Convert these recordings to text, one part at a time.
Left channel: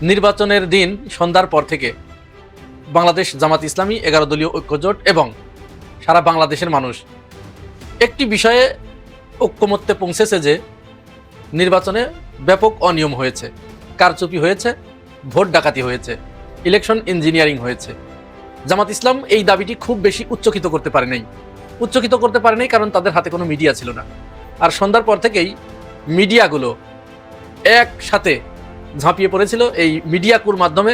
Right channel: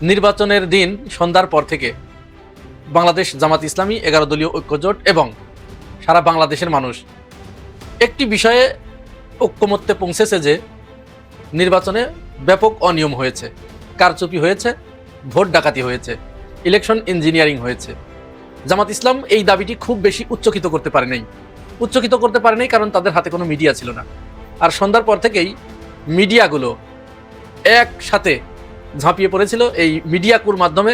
নির্বাচনের দিন সন্ধ্যার পর থেকে বাংলাদেশ জামাত ইসলামী 11 দলীয় ঐক্যজোট এবং সারা বাংলাদেশের মানুষ একটি বিষয়ে ঐক্যমত্যে পৌঁছেছে যে নির্বাচনে ব্যাপক অনিয়ম হয়েছে, কারচুপি হয়েছে, ভোট ডাকাতি হয়েছে, ইলেকশন ইঞ্জিনিয়ারিং হয়েছে। জামাত ইসলাম এই দাবিটি খুব বেশি উচ্চকিত করতে পারে নাই কারণ তাদের হাতে কোনো মিডিয়া ছিল না। আর সন্ধ্যার পর থেকেই মিডিয়াগুলো একসাথে ঝাঁপিয়ে পড়েছিল এই মিডিয়াকুর মাধ্যমে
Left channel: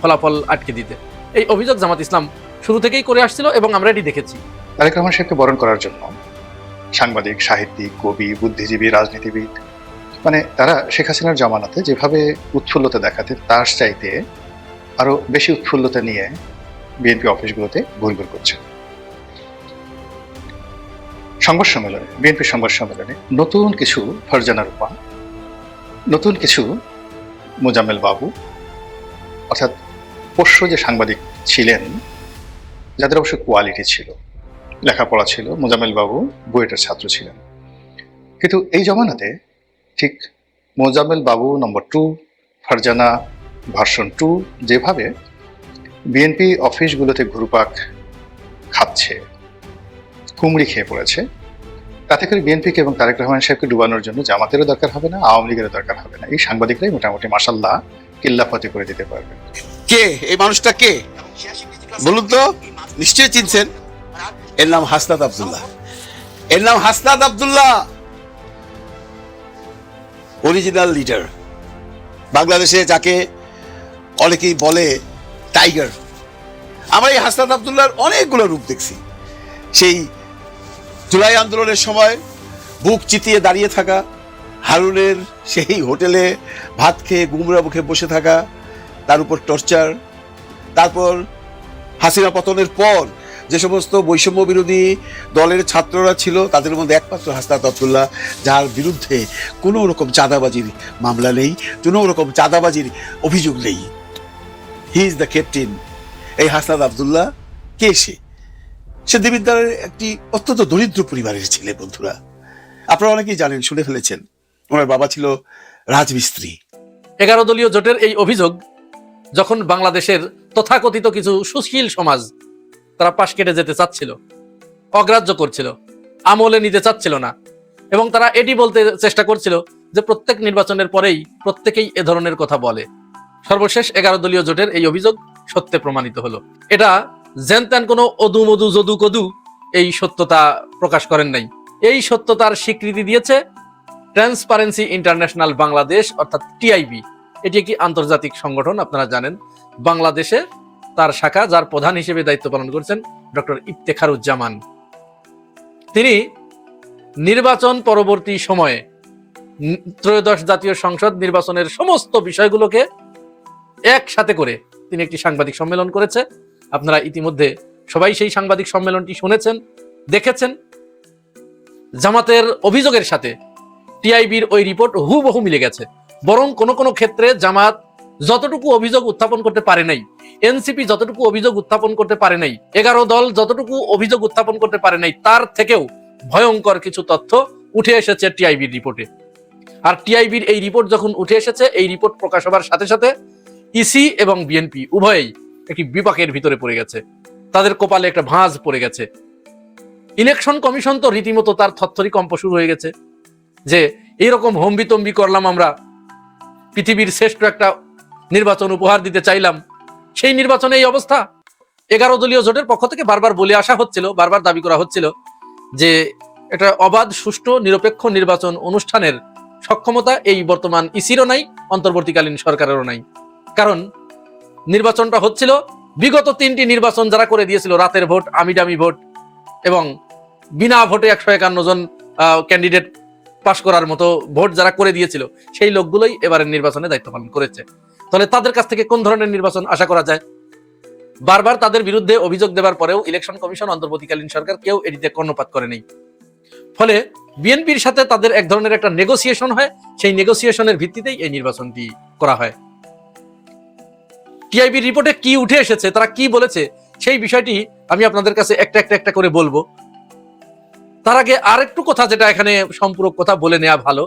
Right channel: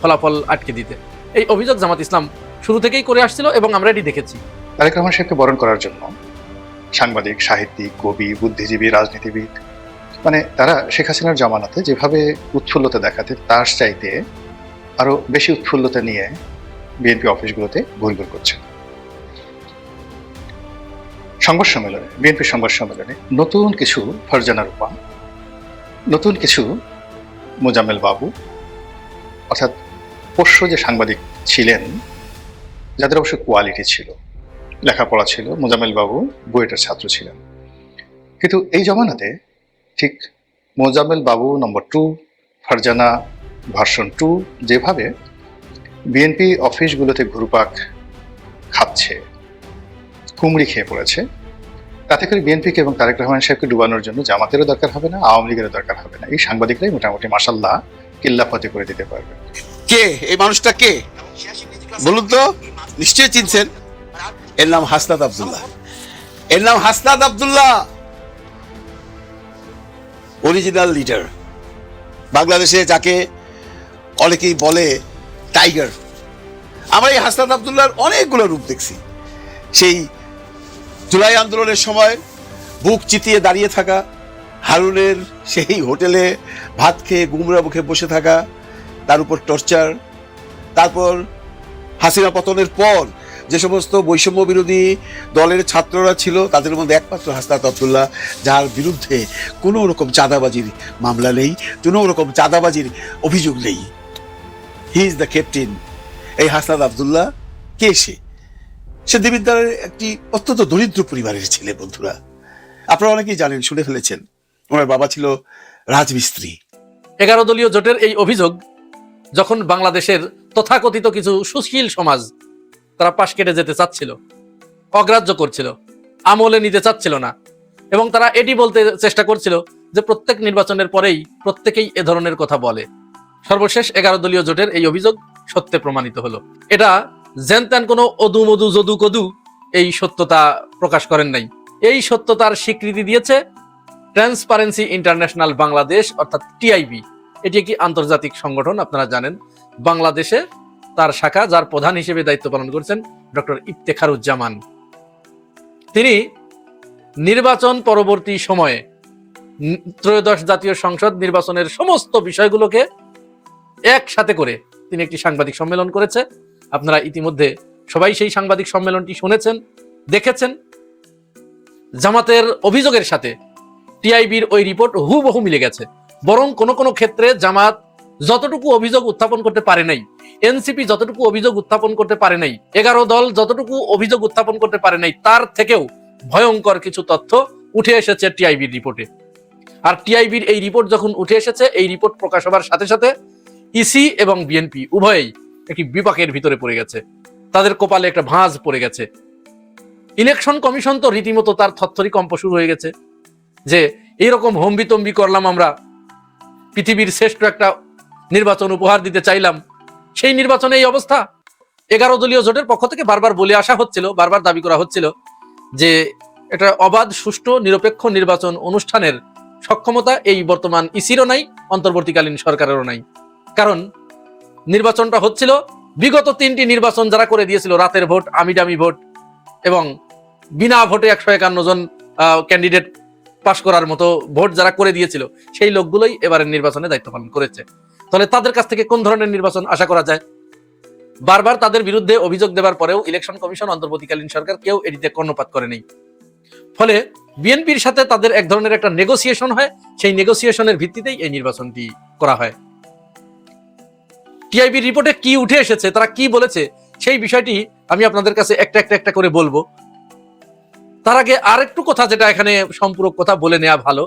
ফলাফল আটকে দিতে। এই অভিযোগ জামাত ইসলাম শুরু থেকেই করে আসছিল এবং আমরা এটি দেখেছি। তারেক রহমান সাহেবকে বরণ করার জন্য সাংবাদিক, সাহিত্যিক, কবি, বুদ্ধিজীবী, রাজনীতিবিদ মানে তারা শেখ হাসিনার জামানাতে যেভাবে উৎফুল্লতা দেখাতে তার চাইতে আরো বেশি উৎফুল্লতা নিয়ে বিএনপি অফিসগুলোতে ঘুরঘুর করছে। বিএনপি সংবাদ সম্মেলনে নতুন কিছু ফারজানা রূপা, নতুন কিছু মোজাম্মেল বাবু, অর্থাৎ পোষ্য যে সাংবাদিক ছিলেন যাদের অবশ্য কোয়ালিটি ছিল, লেখাপড়া ছিল। মোজাম্মেল বাবু বুয়েটের ছাত্র ছিলেন, কিন্তু এই জমানাতে ঠিক মোজাম্মেল বাবু নম্বর 2, ফারজানা ভার্সন 2 যেভাবে বিএনপি অফিসগুলোতে ঘুরপাক খাচ্ছে, কুমড়ি খেয়ে পড়েছে, তাতে করে বিএনপিকে এবং তারেক রহমান সাহেবকে ডুবানোর জন্য জামাতেরও দরকার হবে না, আওয়ামী লীগেরও দরকার হবে না। এই সাংবাদিকরাই মোটামুটি মাশাআল্লাহ কিল্লাফাতি করে দিতে পারবে। কে এই মানুষটা? কে বলুন তো? নিশ্চয়ই চিনছেন। এর নাম হাসনাত আব্দুল্লাহ। অরিজিনাল লিডার, বাংলাদেশে যাকে অনেকেই বলে টাইগার। আমরা এই হাসনাত আব্দুল্লাহর অনেকগুলো রূপ দেখছি। সেই জুলাই আন্দোলনের সময় বুক চিতিয়ে দাঁড়িয়ে থাকা, হারুনের সেই হোটেলে ভাত খেয়ে গুমরা মুখে বসে থাকা, তার উপর টর্চার, তারপর হাসিনা পতনের পর যে সমস্ত বৈষম্য বিরোধী দলের ছাত্ররা ছিল তাদের মধ্যে একমাত্র হাসনাত আব্দুল্লাহ, যার বিরুদ্ধে কোনো রকম চাঁদাবাজির মামলা নেই, কোনো রকম চাঁদাবাজির অভিযোগ নেই। He is the captain. এই হাসনাত আব্দুল্লাহ কে? সে দেবিদ্বারের একটি অত্যন্ত দরিদ্র পরিবারের ছেলে। বন্ধুরা, আপনারা অনেকেই জানেন, শুনে ফেলেছেন, ওনার বাবা ছিল রাজমিস্ত্রি। 11 দলীয় জোটের এই অভিযোগ যখন বাংলাদেশের তথাকথিত কিছু সুশীল সমাজ তারা পাশ কেটে যেতে চাচ্ছিল, অগ্রাহ্য করছিল, আমলে নিতে চাচ্ছিল না, এবং তারা এটি বলতে চেষ্টা করছিল যে প্রত্যেক নির্বাচনের পরেই প্রত্যেকেই এ ধরনের কথা বলে। সর্বশেষ 11 দলীয় জোটের এই অভিযোগ সত্যে প্রমাণিত হলো। এটা জেনতেন কোনো অদু মধু যদু কদু এই সত্যতা প্রকাশ করেন নাই। এই সত্যতার স্বীকৃতি দিয়েছে ট্রান্সপারেন্সি ইন্টারন্যাশনাল বাংলাদেশ, অর্থাৎ টিআইবি। এটি একটি আন্তর্জাতিক সংগঠন, আপনারা জানেন। বাংলাদেশে তার শাখা, যার প্রধান হিসেবে দায়িত্ব পালন করছেন ডক্টর ইফতেখারুজ্জামান। তিনি নির্বাচন পরবর্তী সময়ে ত্রয়োদশ জাতীয় সংসদ নির্বাচনের সমস্ত বিষয়গুলোকে একসাথে করে তিনি একটি সাংবাদিক সম্মেলন করেছে। আপনারা ইতিমধ্যে সবাই সেই সাংবাদিক সম্মেলনটি শুনেছেন, দেখেছেন। জামাতের অভিযোগের সাথে টিআইবির ওই রিপোর্ট হুবহু মিলে গেছে। বরং কোন কোন ক্ষেত্রে জামাত যতটুকু অভিযোগ উত্থাপন করতে পারে নাই, এনসিপি যতটুকু অভিযোগ উত্থাপন করতে পারে নাই, 11 দল যতটুকু অভিযোগ উত্থাপন করতে পারে নাই, তার থেকেও ভয়ঙ্কর কিছু তথ্য উঠে এসেছে টিআইবির রিপোর্টে। আর টিআইবির এই রিপোর্ট যখন উঠে এসেছে, এই রিপোর্ট প্রকাশ হবার সাথে সাথে ইসি এবং বিএনপি উভয়ই একটি বিপাকের ভিতরে পড়ে গেছে, তাদের কপালে একটা ভাঁজ পড়ে গেছে। ইলেকশন কমিশন তো রীতিমতো তার থরথরি কম্প শুরু হয়ে গেছে যে এইরকম হম্বিতম্বি করলাম, আমরা পৃথিবীর শ্রেষ্ঠ একটা নির্বাচন উপহার দিতে চাইলাম, সেই নির্বাচনে এই অবস্থা। 11 দলীয় জোটের পক্ষ থেকে বারবার বলে আসা হচ্ছিল, বারবার দাবি করা হচ্ছিল যে এটা অবাধ, সুষ্ঠু, নিরপেক্ষ নির্বাচন অনুষ্ঠানের সক্ষমতা এই বর্তমান ইসিরও নাই, অন্তর্বর্তীকালীন সরকারেরও নাই। কারণ নির্বাচনটা হচ্ছিল বিগত 3টি নির্বাচন যারা করে দিয়েছিল, রাতের ভোট, আমিডামি ভোট এবং বিনা ভোটে 151 জন ক্যান্ডিডেট পাশ করার মতো ভোট যারা করে দিয়েছিল, সেই লোকগুলোই এবারের নির্বাচনে দায়িত্ব পালন করেছে। তাহলে তাদের কাছ থেকে কোন ধরনের নির্বাচন আশা করা যায়? বারবার তাদের বিরুদ্ধে অভিযোগ দেওয়ার পরেও ইলেকশন কমিশন, অন্তর্বর্তীকালীন সরকার কেউ এটিতে কর্ণপাত করেনি। ফলে বিএনপির সাথে তাদের এক ধরনের একটা নেগোসিয়েশন হয়, সেই নেগোসিয়েশনের ভিত্তিতেই এই নির্বাচনটি করা হয়। টিআইবির রিপোর্টে কি উঠে এসেছে, তারা কি বলেছে, সেই বিষয়টি আমি আপনাদের কাছে একটা করে বলবো। তার আগে আরেকটু কথা, যেটা এখানে সম্পূরক কথা বলে নেওয়া ভালো।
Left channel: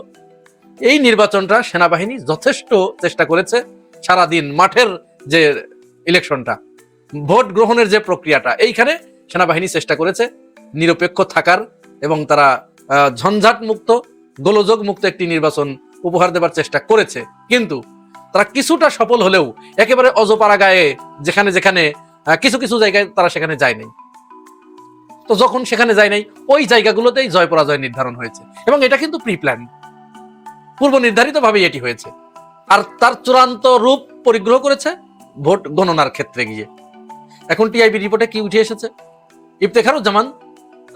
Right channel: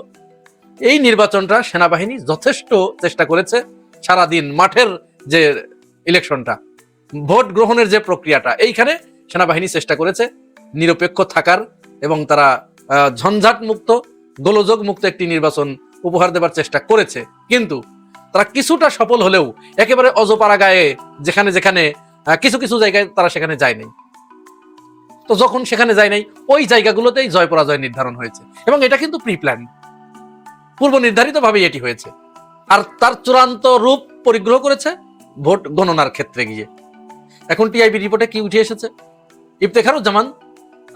এই নির্বাচনটা সেনাবাহিনী যথেষ্ট চেষ্টা করেছে সারাদিন মাঠের যে ইলেকশনটা, ভোট গ্রহণের যে প্রক্রিয়াটা, এইখানে সেনাবাহিনী চেষ্টা করেছে নিরপেক্ষ থাকার এবং তারা ঝঞ্ঝাট মুক্ত, গোলযোগ মুক্ত একটি নির্বাচন উপহার দেবার চেষ্টা করেছে। কিন্তু তারা কিছুটা সফল হলেও একেবারে অজপাড়া গায়ে যেখানে যেখানে কিছু কিছু জায়গায় তারা সেখানে যায় নাই। তো যখন সেখানে যায় নাই, ওই জায়গাগুলোতেই জয় পরাজয় নির্ধারণ হয়েছে এবং এটা কিন্তু প্রি প্ল্যান, পূর্ব নির্ধারিত ভাবে এটি হয়েছে। আর তার চূড়ান্ত রূপ পরিগ্রহ করেছে ভোট গণনার ক্ষেত্রে গিয়ে। এখন টিআইবি রিপোর্টে কি উঠে এসেছে? ইফতেখারুজ্জামান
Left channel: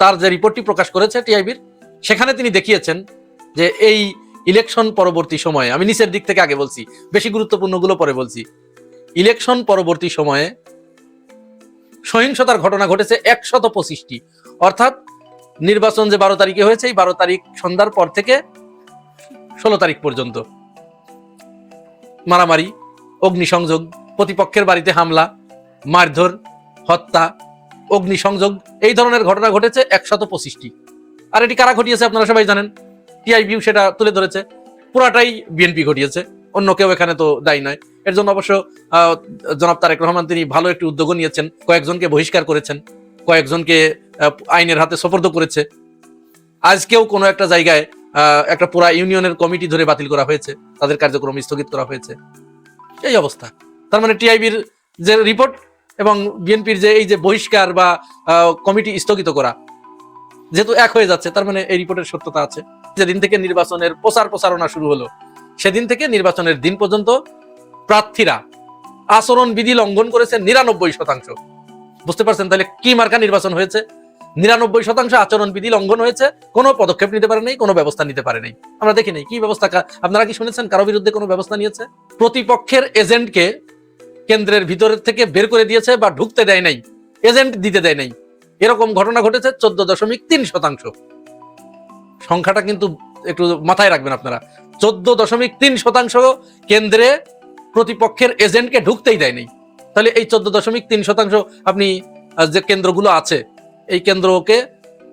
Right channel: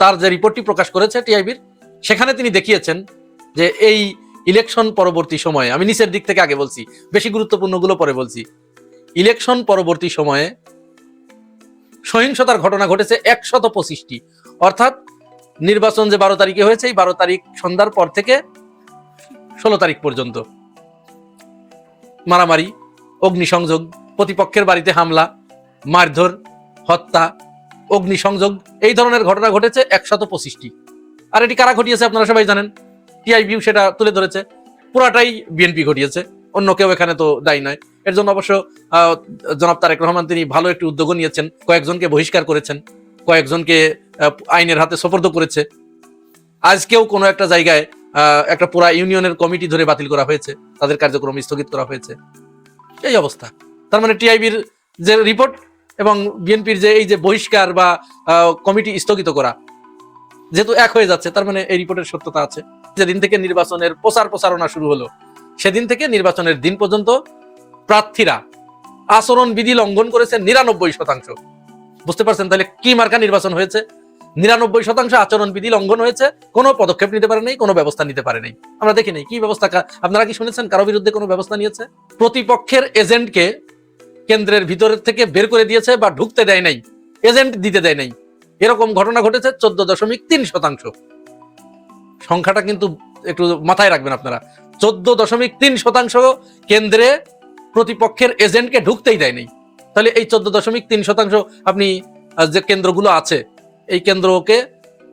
তার যে রিপোর্টটি প্রকাশ করেছে টিআইবির, সেখানে তিনি দেখিয়েছেন যে এই ইলেকশন পরবর্তী সময়ে, আমি নিচের দিক থেকে আগে বলছি, বেশি গুরুত্বপূর্ণ গুলো পরে বলছি, ইলেকশন পরবর্তী সময়ে সহিংসতার ঘটনা ঘটেছে 125টি। অর্থাৎ নির্বাচন যে 12 তারিখে হয়েছে, এই 12 তারিখ সন্ধ্যার পর থেকে 16 তারিখ পর্যন্ত মারামারি, অগ্নিসংযোগ, প্রতিপক্ষের বাড়িতে হামলা, মারধর, হত্যা, অগ্নিসংযোগ, এই ধরনের ঘটনা ঘটেছে 125টি। আর এটি কারা ঘটিয়েছে আপনারা সবাই জানেন, টিআইবি সেটা তুলে ধরেছে, পুরাটাই বিএনপি ঘটিয়েছে, অন্য কেউ এখানে তো দায়ী নয়। এর জন্য অবশ্য জনাব তারেক রহমান তিনি ভালো একটি উদ্যোগ নিয়েছেন, কয়েকজনকে বহিষ্কার করেছেন, কয়েকজনকে আইনের হাতে সোপর্দ করেছে। আজকেও কোনো একটা জায়গায় একটা পুরা ইউনিয়নের কমিটি ধরে বাতিল করা হয়েছে, তাদের কার্যক্রম স্থগিত করা হয়েছে। এই অবস্থা। তার মানে টিআইবির যে রিপোর্ট এবং বিএনপির যে এই যে বহিষ্কার বা কমিটি স্থগিত করা, যেহেতু এক হয়ে যাচ্ছে, তার মানে এই রিপোর্টের সত্যতা আছে। যেদিন থেকে নির্বাচনের প্রচারণা শুরু হলো, সেদিন থেকে নির্বাচনের দিন পর্যন্ত প্রার্থীরা আচরণ বিধি লঙ্ঘন করেছে 99%। বুঝতে পারছেন তাহলে কি মার্কা নির্বাচন হয়েছে? 99% আচরণ বিধি লঙ্ঘন হয়েছে, কোনো পদক্ষেপ নিতে পারে নাই, কোনো ব্যবস্থা নিতে পারে নাই। আমরা দেখি নাই কি ব্যবস্থা। আপনারা কি শুনেছেন কারো বিরুদ্ধে কোনো ব্যবস্থা নিয়েছে? প্রতিপক্ষের এজেন্টকে কেন্দ্রের ভিতর থেকে বের করে দিয়েছে বা ঢুকতে দেয় নাই, এজেন্ট দিতে দেয় নাই, এরকম ঘটনা ঘটেছে 14.3%। সংখ্যাটা কিন্তু একটু মাথায় রাখবেন আপনারা, 14.3% কেন্দ্রে প্রতিপক্ষের এজেন্টকে ঢুকতেই দেয়নি। তাহলে এই 14.3% আপনি যে কেন্দ্রগুলো আছে, এই কেন্দ্রকে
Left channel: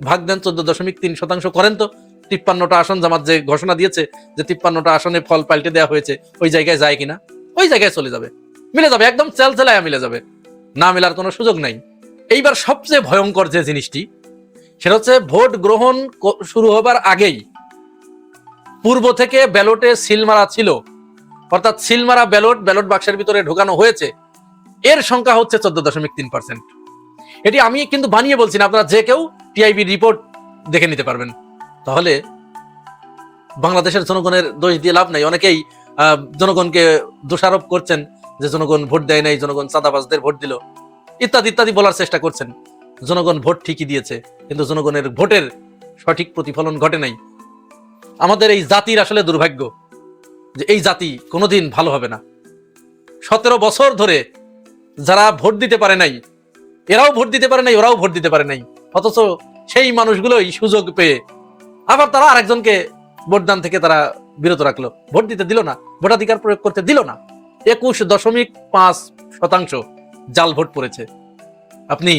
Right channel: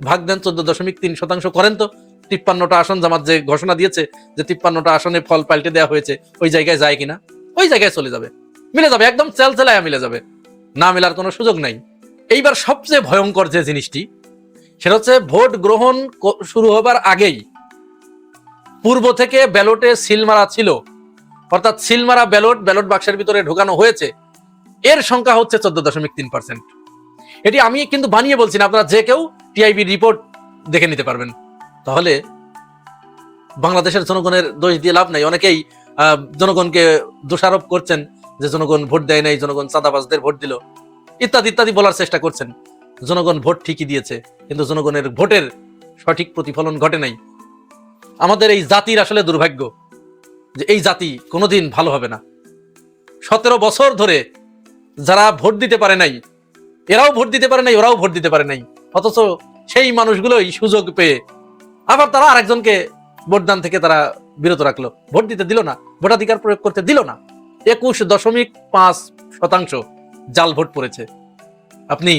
ভাগ দেন, 14.3% করেন তো। 53টা আসন জামাত যে ঘোষণা দিয়েছে যে 53টা আসনে ফল পাল্টে দেওয়া হয়েছে, ওই জায়গায় যায় কিনা? ওই জায়গায় চলে যাবে, মিলে যাবে, একদম চেলচেলায় মিলে যাবে, না মিলার কোনো সুযোগ নাই। এইবার সবচেয়ে ভয়ঙ্কর যে জিনিসটি, সেটা হচ্ছে ভোট গ্রহণ শুরু হবার আগেই পূর্ব থেকে ব্যালটে সিল মারা ছিল, অর্থাৎ সিল মারা ব্যালট বাক্সের ভিতরে ঢোকানো হয়েছে, এর সংখ্যা হচ্ছে 14.3%। এটি আমি কিন্তু বানিয়ে বলছি না, আপনারা যে কেউ টিআইবি রিপোর্ট দেখে নিতে পারবেন। তাহলে বাংলাদেশের জনগণের দোষ দিয়ে লাভ নাই। অনেকেই জনগণকে দোষারোপ করছেন যে জনগণ ভোট দেয় নাই, জনগণ চাঁদাবাজদের ভোট দিল, ইত্যাদি ইত্যাদি বলার চেষ্টা করছেন। জনগণ ভোট ঠিকই দিয়েছে, কিন্তু জনগণের ভোটের সঠিক প্রতিফলন ঘটে নাই। আমাদের এই জাতির আসলে দুর্ভাগ্য যে এই জাতি কোনোদিন ভালো হবে না। 17 বছর ধরে যারা ভোট দিতে পারে নাই, এরাও ভোট দিতে পারে নাই, ওরাও ভোট দিতে পারে নাই, অথচ সেই মানুষগুলোই সুযোগ পেয়ে আবার তারা আরেকজনকে ভোটদান থেকে তারা বিরত রাখলো, ভোট দিতে দিল না, ভোটাধিকার প্রয়োগ করতে দিল না। 21.5% জাল ভোট পড়েছে। আপনি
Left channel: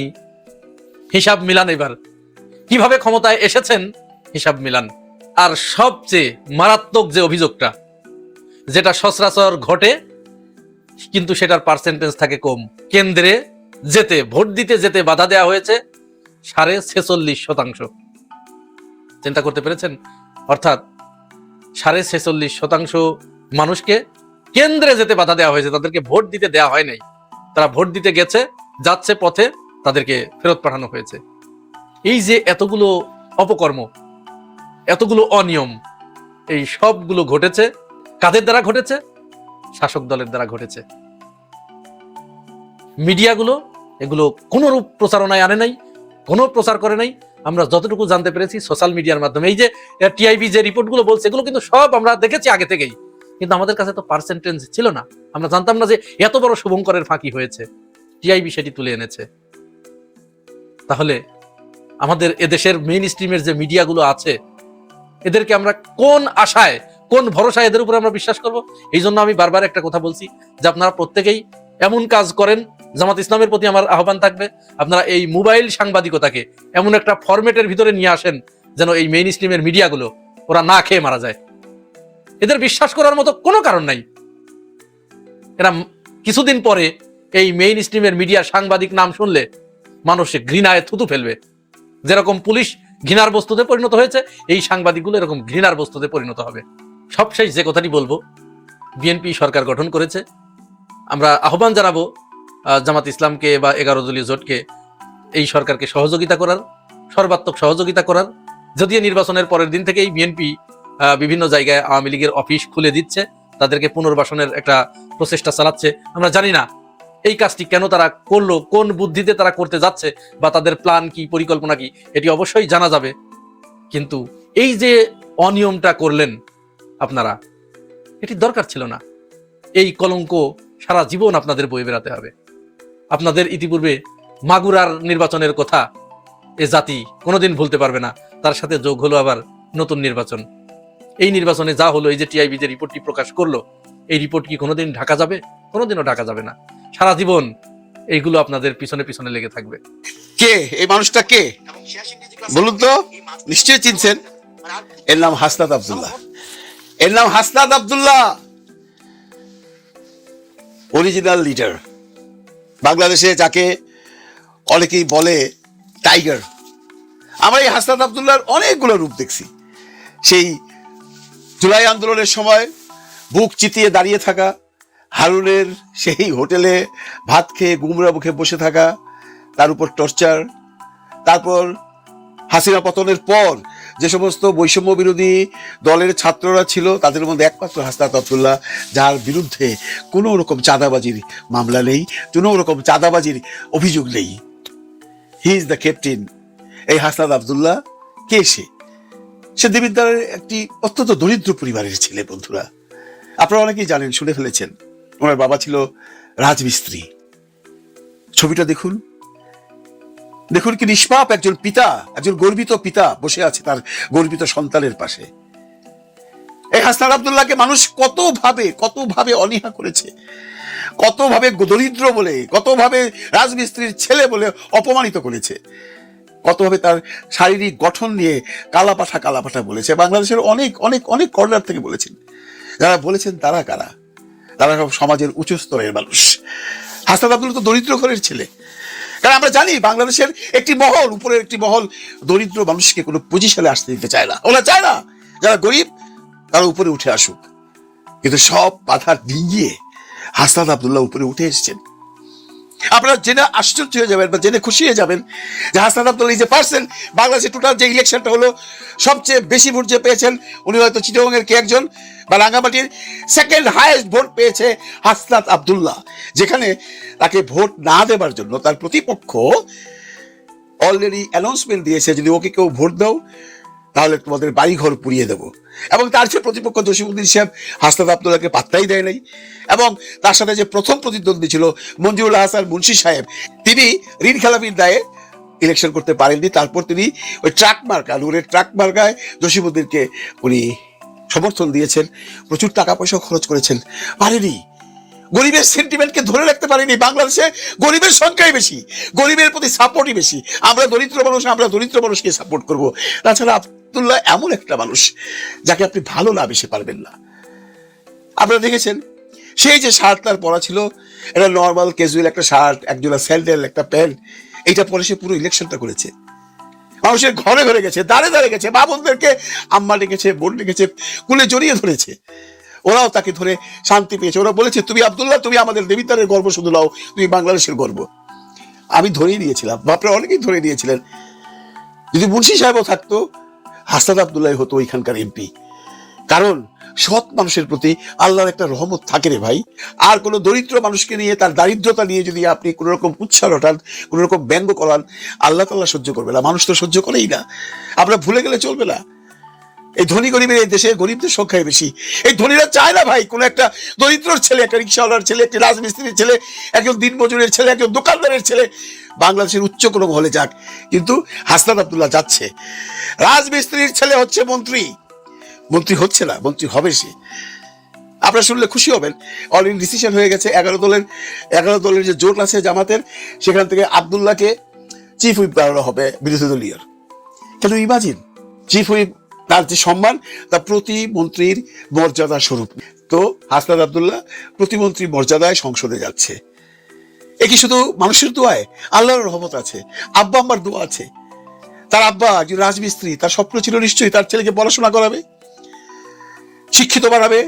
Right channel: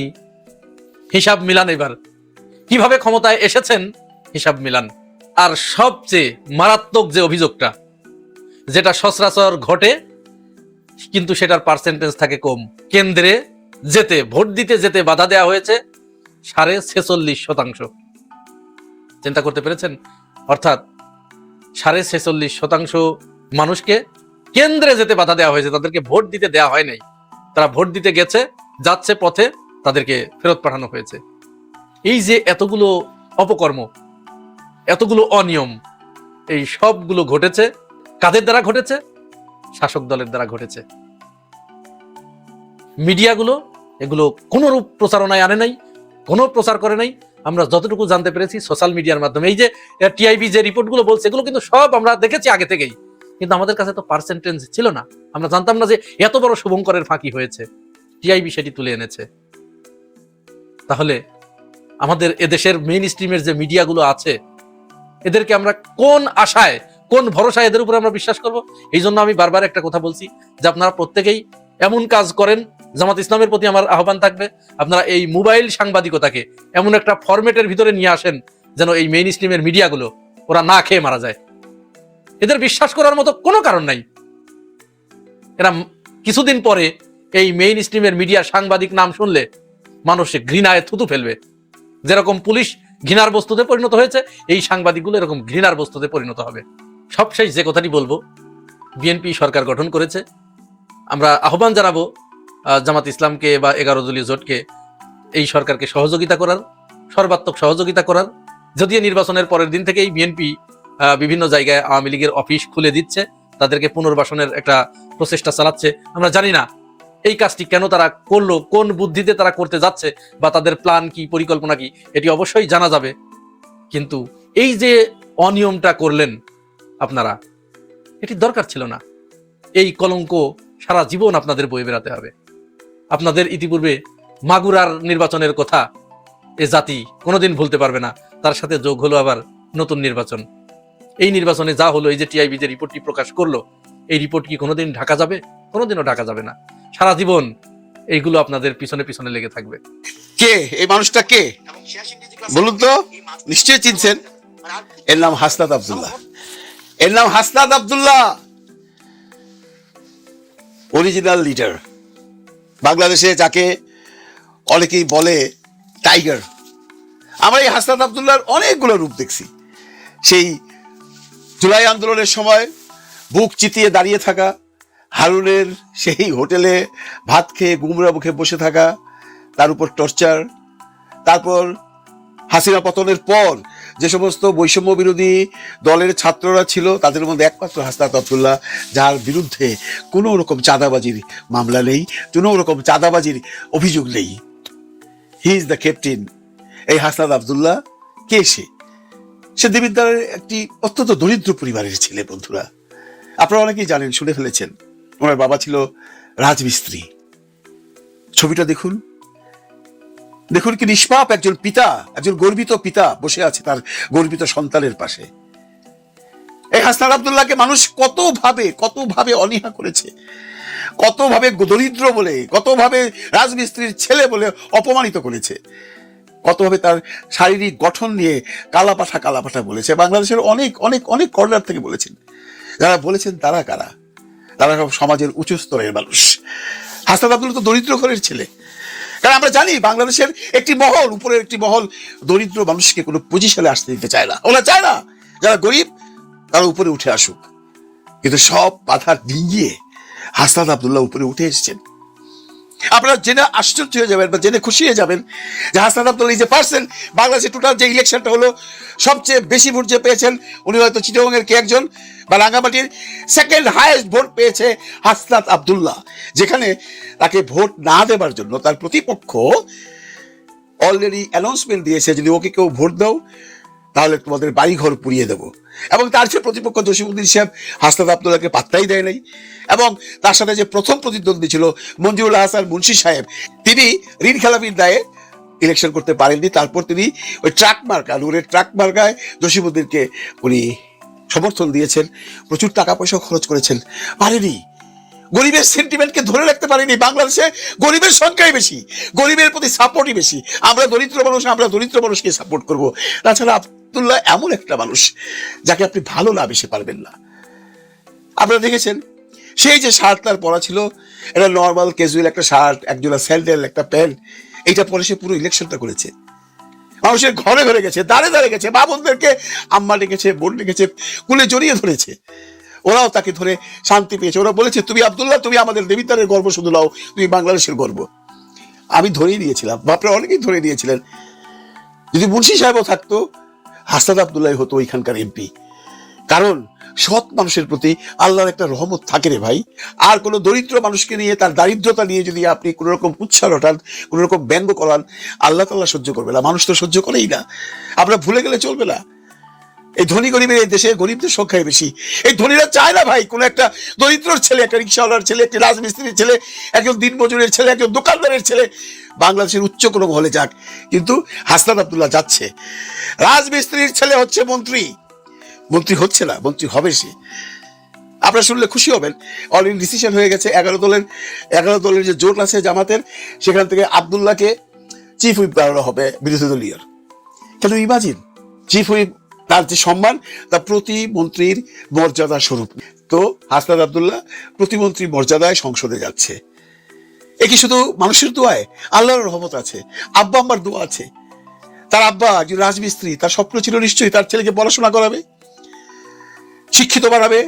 হিসাব মিলান, এবার কিভাবে ক্ষমতায় এসেছেন হিসাব মিলান। আর সবচেয়ে মারাত্মক যে অভিযোগটা, যেটা সচরাচর ঘটে কিন্তু সেটার পার্সেন্টেজ থাকে কম, কেন্দ্রে যেতে ভোট দিতে যেতে বাধা দেওয়া হয়েছে 46.5%। চিন্তা করতে পেরেছেন? অর্থাৎ 46.5% মানুষকে কেন্দ্রে যেতে বাধা দেওয়া হয়েছে, তাদেরকে ভোট দিতে দেওয়া হয় নাই। তারা ভোট দিতে গেছে, যাচ্ছে পথে তাদেরকে ফেরত পাঠানো হয়েছে। এই যে এতগুলো অপকর্ম, এতগুলো অনিয়ম, এই সবগুলো ঘটেছে কাদের দ্বারা ঘটেছে? শাসক দলের দ্বারা ঘটেছে। মিডিয়াগুলো এগুলো কোনো রূপ প্রচারণায় আনে নাই, কোনো প্রচার করে নাই। আমরা যতটুকু জানতে পেরেছি সোশ্যাল মিডিয়ার মাধ্যমে, এই যে টিআইবি যে রিপোর্টগুলো বলছে, এগুলো কিন্তু সব আমরা দেখেছি আগে থেকেই, কিন্তু আমাদের কাছে তো পার্সেন্টেজ ছিল না, আমরা জানতাম না যে এত বড় শুভঙ্করের ফাঁকি হয়েছে। টিআইবি সেটি তুলে এনেছে। তাহলে আমাদের এদেশের মেইন স্ট্রিমের যে মিডিয়াগুলো আছে, এদেরকে আমরা কোন আশায়, কোন ভরসায় এদের উপর আমরা বিশ্বাস করবো? এই জন্য আমি বারবার একটা কথা বলছি যে আপনারা প্রত্যেকেই এমন কাজ করেন, জামাত ইসলামের প্রতি আমার আহ্বান থাকবে, আপনারা এই মোবাইল সাংবাদিকতাকে এমন একটা ফরম্যাটের ভিতরে নিয়ে আসেন যেন এই মেইন স্ট্রিমের মিডিয়াগুলো ওরা না খেয়ে মারা যায়। এদের বিশ্বাস করার মতো কোনো কারণ নাই। এরা কিছুদিন পরে এই মেইন স্ট্রিমের মিডিয়া সাংবাদিক নাম শুনলে মানুষে ঘৃণায় থুতু ফেলবে। যেরকম পুলিশ ঘৃণার বস্তুতে পরিণত হয়েছে, এই সাংবাদিকগুলো এরকম ঘৃণার বস্তুতে পরিণত হবে। সবশেষ যে কথাটি বলবো, বিএনপি সরকার গঠন করেছে, আমরা আহ্বান জানাবো জামাত ইসলামকে বা 11 দলীয় জোটকে এই সরকারকে সহযোগিতা করার, সর্বাত্মক সহযোগিতা করার। যদিও নির্বাচনের পরের দিন থেকেই বিএনপি বিভিন্ন জায়গায় আওয়ামী লীগের অফিস খুলে দিচ্ছে, তাদেরকে পুনর্বাসনের একটা প্রচেষ্টা চালাচ্ছে। আমরা জানি না এই কাজটি কেন তারা করলো, কোন বুদ্ধিতে তারা করতে যাচ্ছে, বা তাদের প্ল্যান কি, পরিকল্পনা কি, এটি অবশ্যই জানা যাবে। কিন্তু এই যে অনিয়মটা করলেন আপনারা, এটি দরকার ছিল না। এই কলঙ্ক সারা জীবন আপনাদের বয়ে বেড়াতে হবে। আপনাদের ইতিপূর্বে মাগুরার নির্বাচনের কথা এ জাতি কোনোদিন ভুলতে পারবে না। তার সাথে যোগ হলো আবার নতুন নির্বাচন। এই নির্বাচনে যা হলো, এই যে টিআইবি যে রিপোর্টটি প্রকাশ করলো, এই রিপোর্ট কি কোনোদিন ঢাকা যাবে? কোনোদিনও ঢাকা যাবে না। সারা জীবন এইগুলো আপনাদের পিছনে পিছনে লেগে থাকবে। কে এই মানুষটা? কে বলুন তো? নিশ্চয়ই চিনছেন। এর নাম হাসনাত আব্দুল্লাহ। এর নাম হাসনাত আব্দুল্লাহ, অরিজিনাল লিডার। বাংলাদেশে যাকে অনেকেই বলে টাইগার। আমরা এই হাসনাত আব্দুল্লাহর অনেকগুলো রূপ দেখছি। সেই জুলাই আন্দোলনের সময় বুক চিতিয়ে দাঁড়িয়ে থাকা, হারুনের সেই হোটেলে ভাত খেয়ে গুমরা মুখে বসে থাকা, তার উপর টর্চার। তারপর হাসিনা পতনের পর যে সমস্ত বৈষম্য বিরোধী দলের ছাত্ররা ছিল, তাদের মধ্যে একমাত্র হাসনাত আব্দুল্লাহ, যার বিরুদ্ধে কোনো রকম চাঁদাবাজির মামলা নেই, কোনো রকম চাঁদাবাজির অভিযোগ নেই। He is the captain. এই হাসনাত আব্দুল্লাহ কে? সে দেবিদ্বারের একটি অত্যন্ত দরিদ্র পরিবারের ছেলে। বন্ধুরা, আপনারা অনেকেই জানেন, শুনে ফেলেছেন, ওনার বাবা ছিল রাজমিস্ত্রি। ছবিটা দেখুন, দেখুন কি নিষ্পাপ একজন পিতা, একজন গর্বিত পিতা বসে আছে তার গর্বিত সন্তানের পাশে। এই হাসনাত আব্দুল্লাহকে মানুষ কতভাবে অনীহা করেছে, কতভাবে দরিদ্র বলে, কতভাবে রাজমিস্ত্রির ছেলে বলে অপমানিত করেছে, কতভাবে তার শারীরিক গঠন নিয়ে কালাপাঠা বলেছে। বাংলাদেশের অনেক অনেক অনেক কর্নার থেকে বলেছেন। যারা বলেছেন তারা কারা? তারা সব সমাজের উঁচু স্তরের মানুষ। হাসনাত আব্দুল্লাহ তো দরিদ্র ঘরের ছেলে। কারণ আমরা জানি বাংলাদেশের একটি মহল, উপরের একটি মহল দরিদ্র মানুষকে কোনো পজিশনে আসতে দিতে চায় না। ওরা চায় না যারা গরিব তারা উপরে উঠে আসুক। কিন্তু সব বাধা ডিঙিয়ে হাসনাত আব্দুল্লাহ উপরে উঠে এসেছেন। আপনারা জেনে আশ্চর্য হয়ে যাবেন বা জেনে খুশি হয়ে যাবেন যে হাসনাত আব্দুল্লাহ যে পার্সন, বাংলাদেশের টোটাল যে ইলেকশনটা হলো সবচেয়ে বেশি ভোট যে পেয়েছেন উনি হয়তো চিটাগংয়ের কে একজন, বা রাঙ্গামাটির সেকেন্ড হাইয়েস্ট ভোট পেয়েছে হাসনাত আব্দুল্লাহ, যেখানে তাকে ভোট না দেওয়ার জন্য তার প্রতিপক্ষ অলরেডি অ্যানাউন্সমেন্ট দিয়েছে, যদি ওকে কেউ ভোট দাও তাহলে তোমাদের বাড়িঘর পুড়িয়ে দেবো। এবং তার যে প্রতিপক্ষ জসিমউদ্দিন সাহেব হাসনাত আব্দুল্লাহকে পাত্তাই দেয় নাই। এবং তার সাথে যে প্রথম প্রতিদ্বন্দ্বী ছিল মঞ্জুরুল হাসান মুন্সি সাহেব, তিনি ঋণ খেলাপির দায়ে ইলেকশন করতে পারেননি। তারপর তিনি ওই ট্রাক মার্কা, নূরের ট্রাক মার্কায় জসিমউদ্দিনকে উনি সমর্থন দিয়েছেন, প্রচুর টাকা পয়সা খরচ করেছেন। পারেনি, গরিবের সেন্টিমেন্টকে ধরে রাখতে পারেনি। বাংলাদেশে গরিবের সংখ্যাই বেশি, গরিবের প্রতি সাপোর্টই বেশি। আমরা দরিদ্র মানুষকে সাপোর্ট করব। তাছাড়া আব্দুল্লাহ এমন একটা মানুষ যাকে আপনি ভালো না বেশি পারবেন না। আপনারা দেখেছেন সেই যে শার্ট তার পরা ছিল, এটা নর্মাল ক্যাজুয়াল একটা শার্ট, একজোড়া স্যান্ডেল, একটা প্যান্ট, এইটা পরে সে পুরো ইলেকশনটা করেছে। মানুষের ঘরে ঘরে গেছে, দাঁড়ে গেছে, মা বোনদেরকে আম্মা ডেকেছে, বোন ডেকেছে, কুলে জড়িয়ে ধরেছে। ওরাও তাকে ধরে শান্তি পেয়েছে। ওরা বলেছে, তুমি আব্দুল্লাহ, তুমি আমাদের দেবিদ্বারের গর্ব শুধু নাও, তুমি বাংলাদেশের গর্ব। আমি ধরেই নিয়েছিলাম, আপনারা অনেকেই ধরে নিয়েছিলেন। যদি মুন্সি সাহেবও থাকতো, হাসনাত আব্দুল্লাহ হতো ওইখানকার এমপি। কারণ সৎ মানুষের প্রতি আল্লাহর একটা রহমত থাকে রে ভাই। আর কোন দরিদ্র মানুষকে নিয়ে, তার দারিদ্রতা নিয়ে যদি আপনি কোন রকম উৎসাহ ওঠান, কোন রকম ব্যঙ্গ করান, আল্লাহ তাআলা সহ্য করবে না, মানুষ তো সহ্য করেই না। আমরা ভুলে গেলে চলবে না, এই ধনী গরিবের দেশে গরিবদের সংখ্যাই বেশি। এই ধনীরা চায় না ভাই কোন একটা দরিদ্র ছেলে, একটা রিক্সাওয়ালার ছেলে, একটি রাজমিস্ত্রির ছেলে, একজন দিনমজুরের ছেলে, একজন দোকানদারের ছেলে বাংলাদেশের উচ্চ কোনো মহলে যাক। কিন্তু হাসনাত আব্দুল্লাহ যাচ্ছে, রাজমিস্ত্রির ছেলে হচ্ছে মন্ত্রী হচ্ছে না, মন্ত্রী হবে সে। আপনারা শুনলে খুশি হবেন, অলরেডি ডিসিশন হয়ে গেছে। 11 দলের যে জোট আছে জামাতের, সেখান থেকে আব্দুল্লাহকে চিফ হুইপ বানানো হবে বিরোধী দলীয়। কত ইমাজিন, চিফ হুইপ তার যে সম্মান, তার প্রতি মন্ত্রীর মর্যাদা স্বরূপ। তো হাসনাত আব্দুল্লাহ প্রতিমন্ত্রী মর্যাদায় সংসদে যাচ্ছে। এ কি শুধু মানুষের দোয়ায়? আল্লাহর রহমত আছে, আব্বা আম্মার দোয়া আছে। তার আব্বা যে রাজমিস্ত্রি, তার স্বপ্ন ছিল নিশ্চয়ই তার ছেলেকে পড়াশোনা করাবে, শিক্ষিত বানাবে,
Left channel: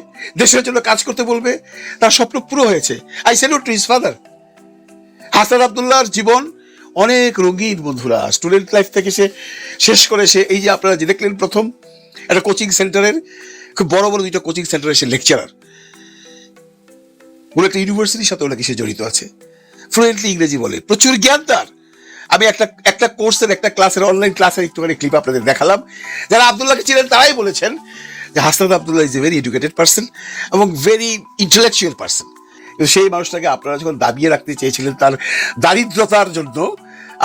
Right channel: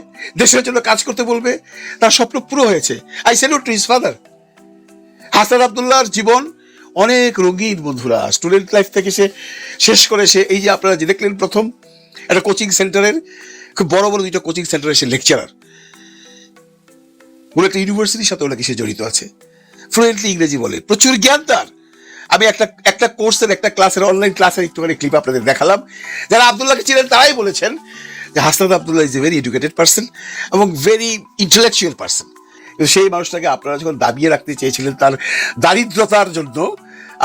দেশের জন্য কাজ করতে বলবে। তার স্বপ্ন পুরো হয়েছে। I salute to his father. Hasnat আব্দুল্লাহর জীবন অনেক রঙিন বন্ধুরা। স্টুডেন্ট লাইফ থেকে সে শেষ করে সে এই যে আপনারা যে দেখলেন প্রথম একটা কোচিং সেন্টারের, খুব বড় বড় দুইটা কোচিং সেন্টারের সে লেকচারার, বলে একটা ইউনিভার্সিটির সাথে নাকি সে জড়িত আছে, ফ্লুয়েন্টলি ইংরেজি বলে, প্রচুর জ্ঞান তার। আমি একটা কোর্সের একটা ক্লাসের অনলাইন ক্লাসের একটুখানি ক্লিপ আপনাদের দেখালাম। যারা আব্দুল্লাহকে ছিলেন তারাই বলেছেন যে Hasnat Abdullah is a very educated person এবং ভেরি ইন্টেলেকচুয়াল পার্সন। সেই মানুষটাকে আপনারা যখন দাবিয়ে রাখতে চেয়েছিলেন তার দারিদ্রতার জন্য,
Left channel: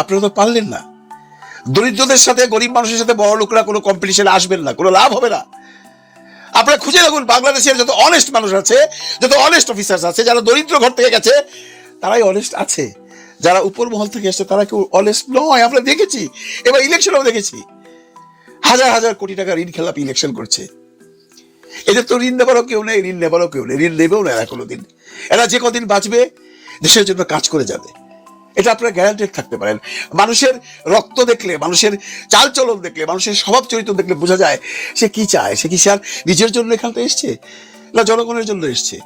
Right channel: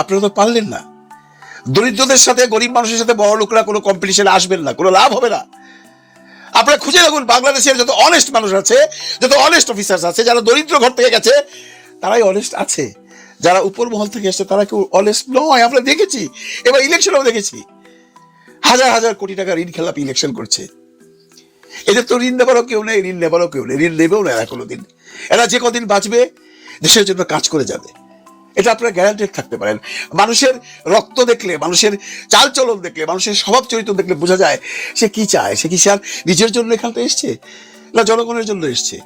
আপনারা তো পারলেন না। দরিদ্রদের সাথে, গরিব মানুষের সাথে বড় লোকরা কোনো কম্পিটিশনে আসবেন না, কোনো লাভ হবে না। আপনারা খুঁজে রাখুন বাংলাদেশের যত অনেস্ট মানুষ আছে, যত অনেস্ট অফিসার্স আছে, যারা দরিদ্র ঘর থেকে গেছে তারাই অনেস্ট আছে। যারা উপর মহল থেকে এসছে তারা কেউ অনেস্ট নয়। আমরা দেখেছি, এবার ইলেকশনেও দেখেছি হাজার হাজার কোটি টাকা ঋণ খেলাপি ইলেকশন করছে। এদের তো ঋণ নেবারও কেউ নেই, ঋণ নেবারও কেউ নেই, ঋণ নেবেও না এরা কোনোদিন। এরা যে কদিন বাঁচবে দেশের জন্য কাজ করে যাবে, এটা আপনারা গ্যারান্টেড থাকতে পারেন। মানুষের রক্ত দেখলে, মানুষের চালচলন দেখলে, মানুষের স্বভাব চরিত্র দেখলে বোঝা যায় সে কি চায়। সে কি সে আর নিজের জন্য এখানটা এসছে, না জনগণের জন্য এসছে?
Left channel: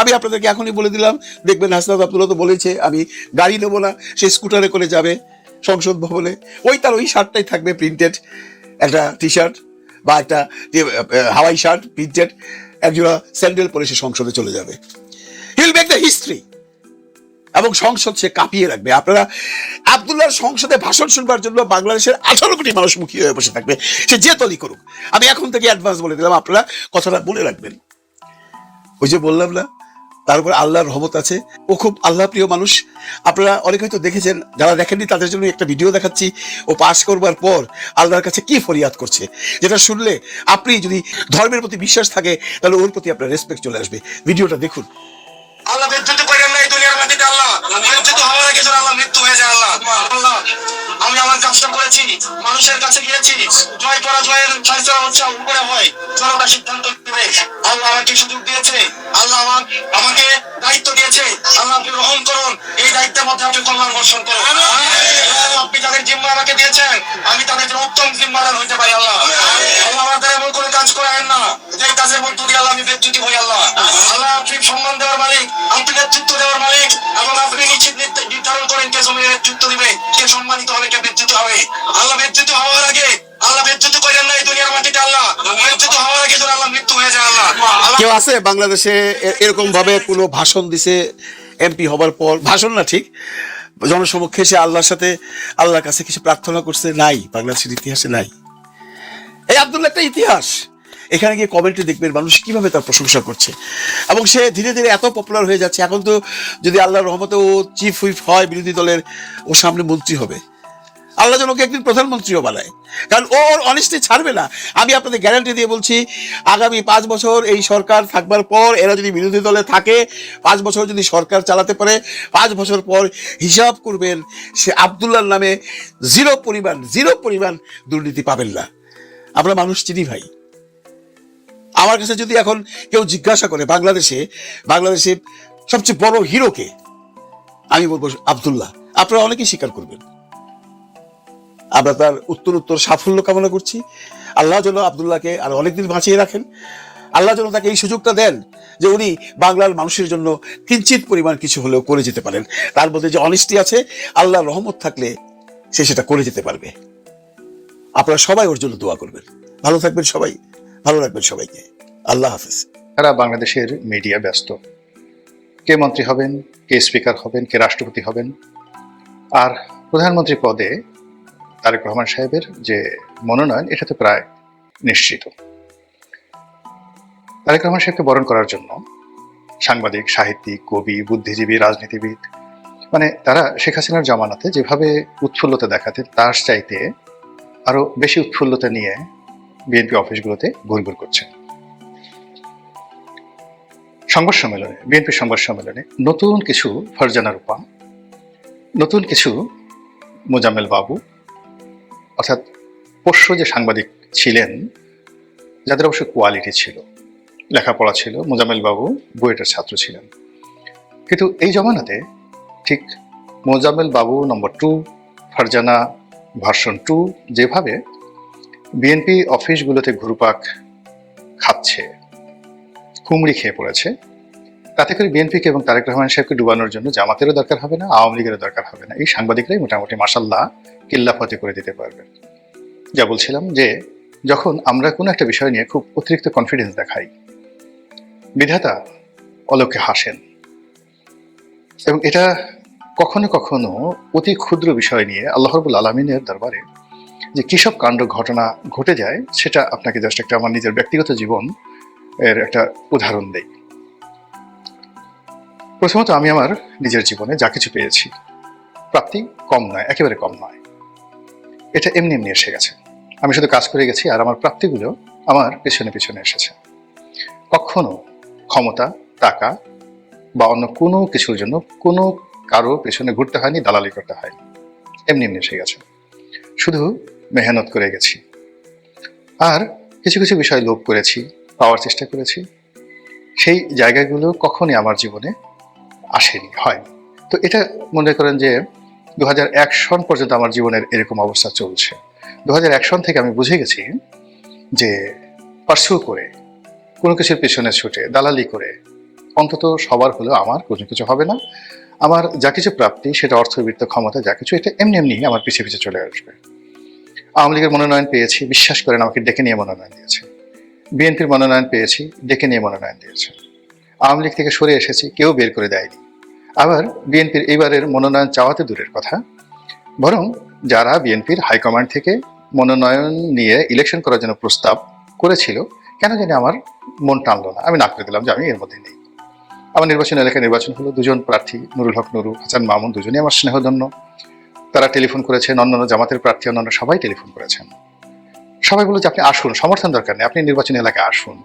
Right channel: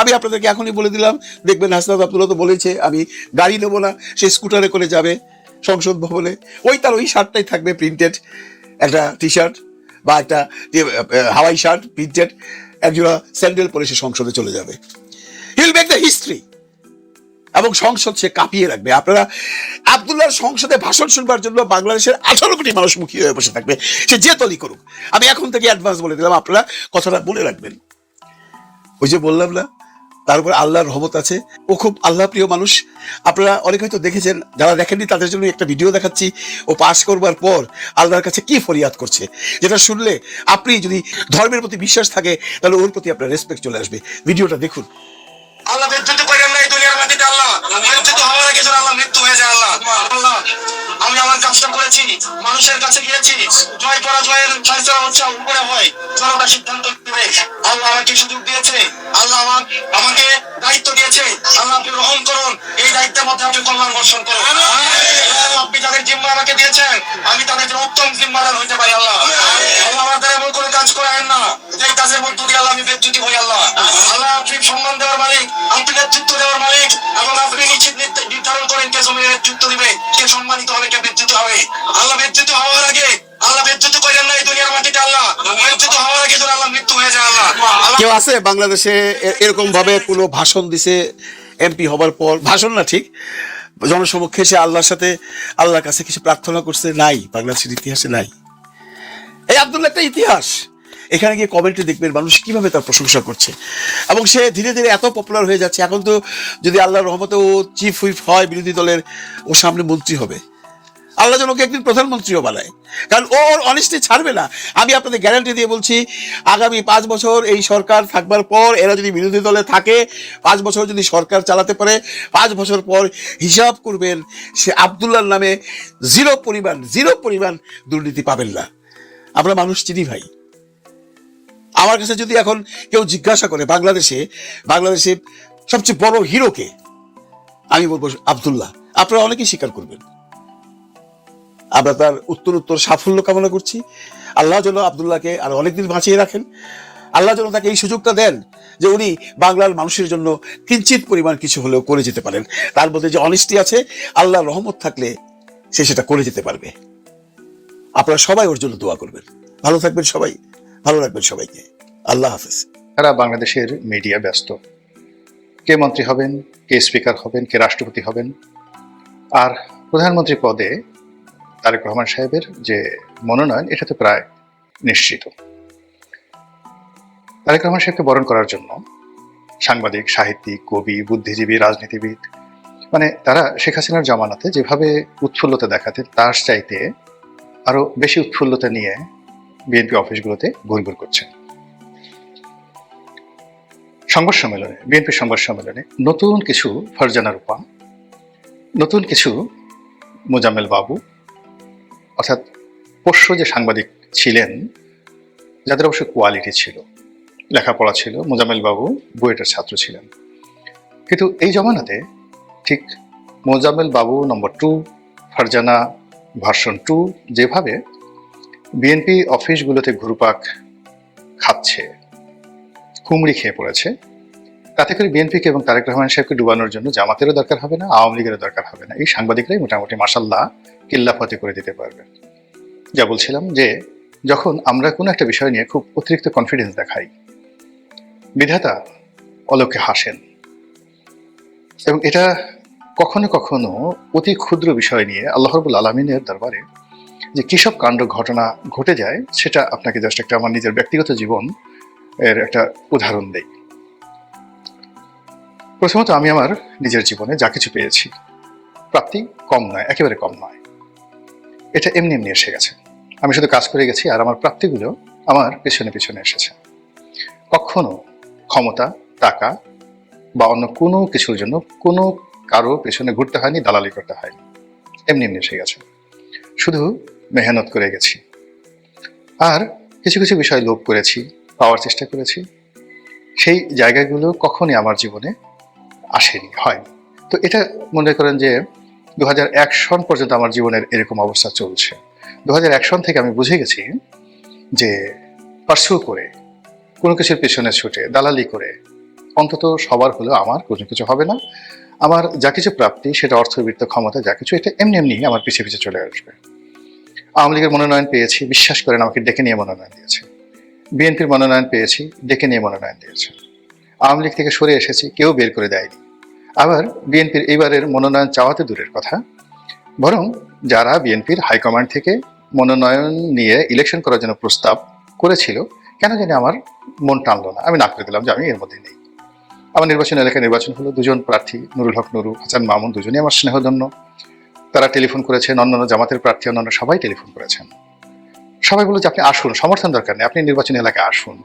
আমি আপনাদেরকে এখনই বলে দিলাম, দেখবেন হাসনাত আব্দুল্লাহ তো বলেছে আমি গাড়ি নেবো না, সে স্কুটারে করে যাবে সংসদ ভবনে। তার ওই শার্টটাই থাকবে প্রিন্টেড, একটা টি শার্ট বা একটা হাওয়াই শার্ট প্রিন্টেড, একজোড়া স্যান্ডেল পরে সে সংসদে চলে যাবে। হিল মেক দ্য হিস্ট্রি এবং সংসদ সে কাঁপিয়ে রাখবে। আপনারা আব্দুল্লাহর সংসদে ভাষণ শুনবার জন্য বাংলাদেশের 18 কোটি মানুষ মুখী হয়ে বসে থাকবে, সে যে দলই করুক। আমি এখন থেকে অ্যাডভান্স বলে দিলাম, আপনারা কথাটা বলে রাখবেন। ওই যে বললাম না, তার উপর আল্লাহর রহমত আছে, ও খুব আল্লাহ প্রিয় মানুষ। আপনারা অনেকে হয়তো দেখেছেন, যারা দেখেননি তাদের জন্য একটা ভিডিও দেখাচ্ছি। ও পাশ করবার পর আল্লাহর কাছে কি ফরিয়াদ করছে, যেটা শুনলে আপনি যদি ধর্মের প্রতি বিশ্বাস থাকে তাহলে ওর প্রতি আপনার রেসপেক্ট চলে আসবে। ভিডিওটা দেখুন। আল্লাহ বেজ্জতি করেন না এই দুনিয়ার মাটিতে। আল্লাহ বেজ্জতি হওয়ার আগে যেন আল্লাহ মৃত্যু হয়ে যায়। আল্লাহ আল্লাহ আল্লাহ আমার কাজটা করেছি, মানুষের কাছে গিয়েছি, জয় পরাজয়ের ফয়সালা হচ্ছে উপরে হয়, জয়টা সিদ্ধান্ত করে আল্লাহ আমাকে সুযোগ দিয়েছি। আল্লাহ আমাকে দায়িত্ব দিয়েছে, আমাকে গ্রহণ করুন, এই দায়িত্বের মধ্যে আমি তোমার বর্ষণ করবো। আপনি তাদের জিম্মা আমাকে দিয়েছেন, আমি তাদের জন্য উত্তম জিম্মাদার হতে পারি। আল্লাহ আল্লাহ আমাদের এমন কোনো কাজ করেন না যে কাজের মধ্য দিয়ে আল্লাহ আমি বেজ্জতি হই। আল্লাহ আল্লাহ আপনি সম্মান দেওয়ার মালিক, আপনি নেতৃত্ব দেওয়ার মালিক, এবং আপনি নিশ্চিত নির্ধারণ করেন কে জমির নেতৃত্ব দিবে, কে সম্মানিত হবে, কে বেজ্জতি হবে। আল্লাহ বেজ্জতি হওয়ার আগে আল্লাহ বেজ্জতি করেন না এই দুনিয়ার মাটিতে। আল্লাহ বেজ্জতি হওয়ার আগে যেন আল্লাহ মৃত্যু হয়ে যায়। আল্লাহ কেউ আছে বাংলাদেশে এরকম ভাবে কোনো ভাষণ দিছে এমপি হবার পর, ভাষণ না ঠিক, জনসমক্ষে সে আল্লাহর সাথে আল্লাহর কাছে কিছু প্রার্থনা করছে? নাই, বাংলাদেশের ইতিহাসে নাই। এই আব্দুল্লাহ একটা ইতিহাস। এখানে গিয়ে কমেন্টে দেখবেন মানুষ কিভাবে তার প্রশংসা করছে, এবং সে ধীরে ধীরে এত পপুলার হয়ে যাচ্ছে। এখন তো যদি আল্লাহর রহমতে ও চিফ হুইপ হয় বিরোধী দলের, ও সামনে মন্ত্রী হবে। আল্লাহ যেন ওকে একদিন প্রধানমন্ত্রীও বানায়, কারণ ওর অনেস্টি ছাড়বে না। আমি আপনাদের গ্যারান্টি দিয়ে বলছি, আগামী 5 বছর এই সরকার থাকবার পর এরা যদি বিরোধী দলে থাকে, 5 বছর যদি সরকার চালাতে পারে, 5 বছর পর হিসাব করবেন সে আব্দুল্লাহর নামে জিরো পরিমাণ দুর্নীতি পাবেন না। আমরা মানুষ চিনি ভাই। আমার কাছে যদি এখন কেউ জিজ্ঞাসা করে বাংলাদেশে সবচেয়ে বড় হিরোকে, আমি বলবো আব্দুল্লাহ। আপনারা অনেকেই স্বীকার করবেন। আমরা তার উত্তরোত্তর সাফল্য কামনা করছি। আল্লাহ যেন আব্দুল্লাহকে আর অনেকদিন বাঁচিয়ে রাখেন। আল্লাহ যেন তাকে এই সুযোগটা দেন যে উনি বাংলার মানুষের জন্য কিঞ্চিত পরিমাণ কিছু হলেও করে যেতে পারেন। তার মধ্যে যে অনেস্টি আছে, আল্লাহর রহমত থাকলে সে সেটা করে যেতে পারবে। আপনারা সবাই ওর জন্য দোয়া করবেন। ভালো থাকবেন সবাই, ভালো রাখবেন সবাইকে। আল্লাহ হাফেজ। সারা বাংলাদেশের মিডিয়া ব্যস্ত, কে মন্ত্রী হবেন, কে স্পিকার হবেন, কে রাষ্ট্রপতি হবেন। আর প্রধানমন্ত্রী পদে তারেক রহমান সাহেবের যে মনোনয়ন, এটা তো প্রায় নিশ্চিত। তারেক রহমান সাহেবকে বরণ করার জন্য সাংবাদিক, সাহিত্যিক, কবি, বুদ্ধিজীবী, রাজনীতিবিদ, মানে তারা শেখ হাসিনার জামানাতে যেভাবে উৎফুল্লতা দেখাতেন তার চাইতে আরো বেশি উৎফুল্লতা নিয়ে বিএনপি অফিসগুলোতে ঘুরঘুর করছেন। বিএনপির সংবাদ সম্মেলনে নতুন কিছু ফারজানা রূপা, নতুন কিছু মোজাম্মেল বাবু, অর্থাৎ পোষ্য যে সাংবাদিক ছিলেন, যাদের অবশ্য কোয়ালিটি ছিল, লেখাপড়া ছিল, মোজাম্মেল বাবু বুয়েটের ছাত্র ছিলেন। কিন্তু এই জমানাতে ঠিক মোজাম্মেল বাবু নম্বর 2, ফারজানা ভার্সন 2 যেভাবে বিএনপি অফিসগুলোতে ঘুরপাক খাচ্ছে, কুমড়ি খেয়ে পড়েছে, তাতে করে বিএনপিকে এবং তারেক রহমান সাহেবকে ডুবানোর জন্য জামাতেরও দরকার হবে না, আওয়ামী লীগেরও দরকার হবে না। এই সাংবাদিকরাই মোটামুটি মাসাল্লাহ কিল্লাফাতি করে দিতে পারবে। যা বলছিলাম যে যখন আমরা কোনো একটা বিষয় নিয়ে খুব অতিরিক্ত কনফিডেন্স দেখাই, বিধাতা অলোকে হাসেন। এবং এটা কখনো কখনো অতি ক্ষুদ্র বিষয় নিয়ে আল্লাহ রাব্বুল আলামিনের দরবারে যে কিসব কাণ্ড ঘটনা ঘটে যায়, সেটা আপনাকে জাস্ট একটা আমার নিজের ব্যক্তিগত জীবন এর একটা উদাহরণ দেই। প্রথমত, আমি আমার নিজের জীবনে যা কিছু পেয়েছি, প্রাপ্তি কম নয়, একেবারে কম নয়। এটা এমনি এমনি এসে গেছে। আমি শুধু কাজ করে গেছি, আর আমার প্রাপ্তিগুলো আমার পেছনে পেছনে এসেছে। কখনো ক্ষমতা, টাকা বা অন্য কোনো কিছুর জন্য কোনো কারো পেছনে ঘুরতে হয়নি, দালালি করতে হয়, এমনি এমনি এসে গেছে। শুধু মেহনত করে গেছি। আর কিছু কিছু বিষয় লোভ করেছি, পাওয়ার চেষ্টা করেছি, সেই জায়গাগুলো কখনই আমার জীবনে আসেনি, হয়নি। তো এটা মনে করেন যে 2001 সন পর্যন্ত আমার জীবনের এরকম অবস্থা চলছে। 2001 সন থেকে আমি বুঝে গেছি যে পার্সু করে, কোনো কিছুর পেছনে ছুটে, দালালি করে অন্তত সবার হলেও আমার কোনো কিছু হবে না। আমার যা কিছু প্রাপ্তি, সেটা অর্থবিত্ত, ক্ষমতা, যা কিছু, এটা এমনি এমনি আমার পিছিয়ে পিছিয়ে চলে আসবে। আওয়ামী লীগের মনোনয়ন পেয়েছি, বিশ্বাস করেন আমাকে ডেকে নিয়ে মনোনয়ন দিয়েছে। বিএনপির মনোনয়ন পেয়েছি, ডেকে নিয়ে মনোনয়ন দিয়েছে। আওয়ামী লীগ থেকে সরে এসেছি, কেউ বের করে দেয়নি। আবার বিএনপির এবারের মনোনয়ন চাওয়াতে দূরের কথা, বরং যারা বিএনপির হাইকমান্ড থেকে মনোনয়ন নিয়ে ইলেকশন করার জন্য প্রস্তাব করেছিল, কেন জানি আমার মন টানলো না, আমি না করে দিলাম যে আমি এর মধ্যে নেই। আমার নির্বাচন এলাকায় নির্বাচন হলো, 2জন প্রার্থী, নুরুল হক নুরু, হাসান মামুন, দুজনই আমার স্নেহধন্য। তারা টেলিফোন করেছেন, অন্যান্য জামাতের প্রার্থী অন্যান্য সবাই টেলিফোন করেছেন। সবাই বলল যে আপনি আসুন, সমর্থন দরকার নেই, আপনি নির্বাচনী এলাকায় আসুন।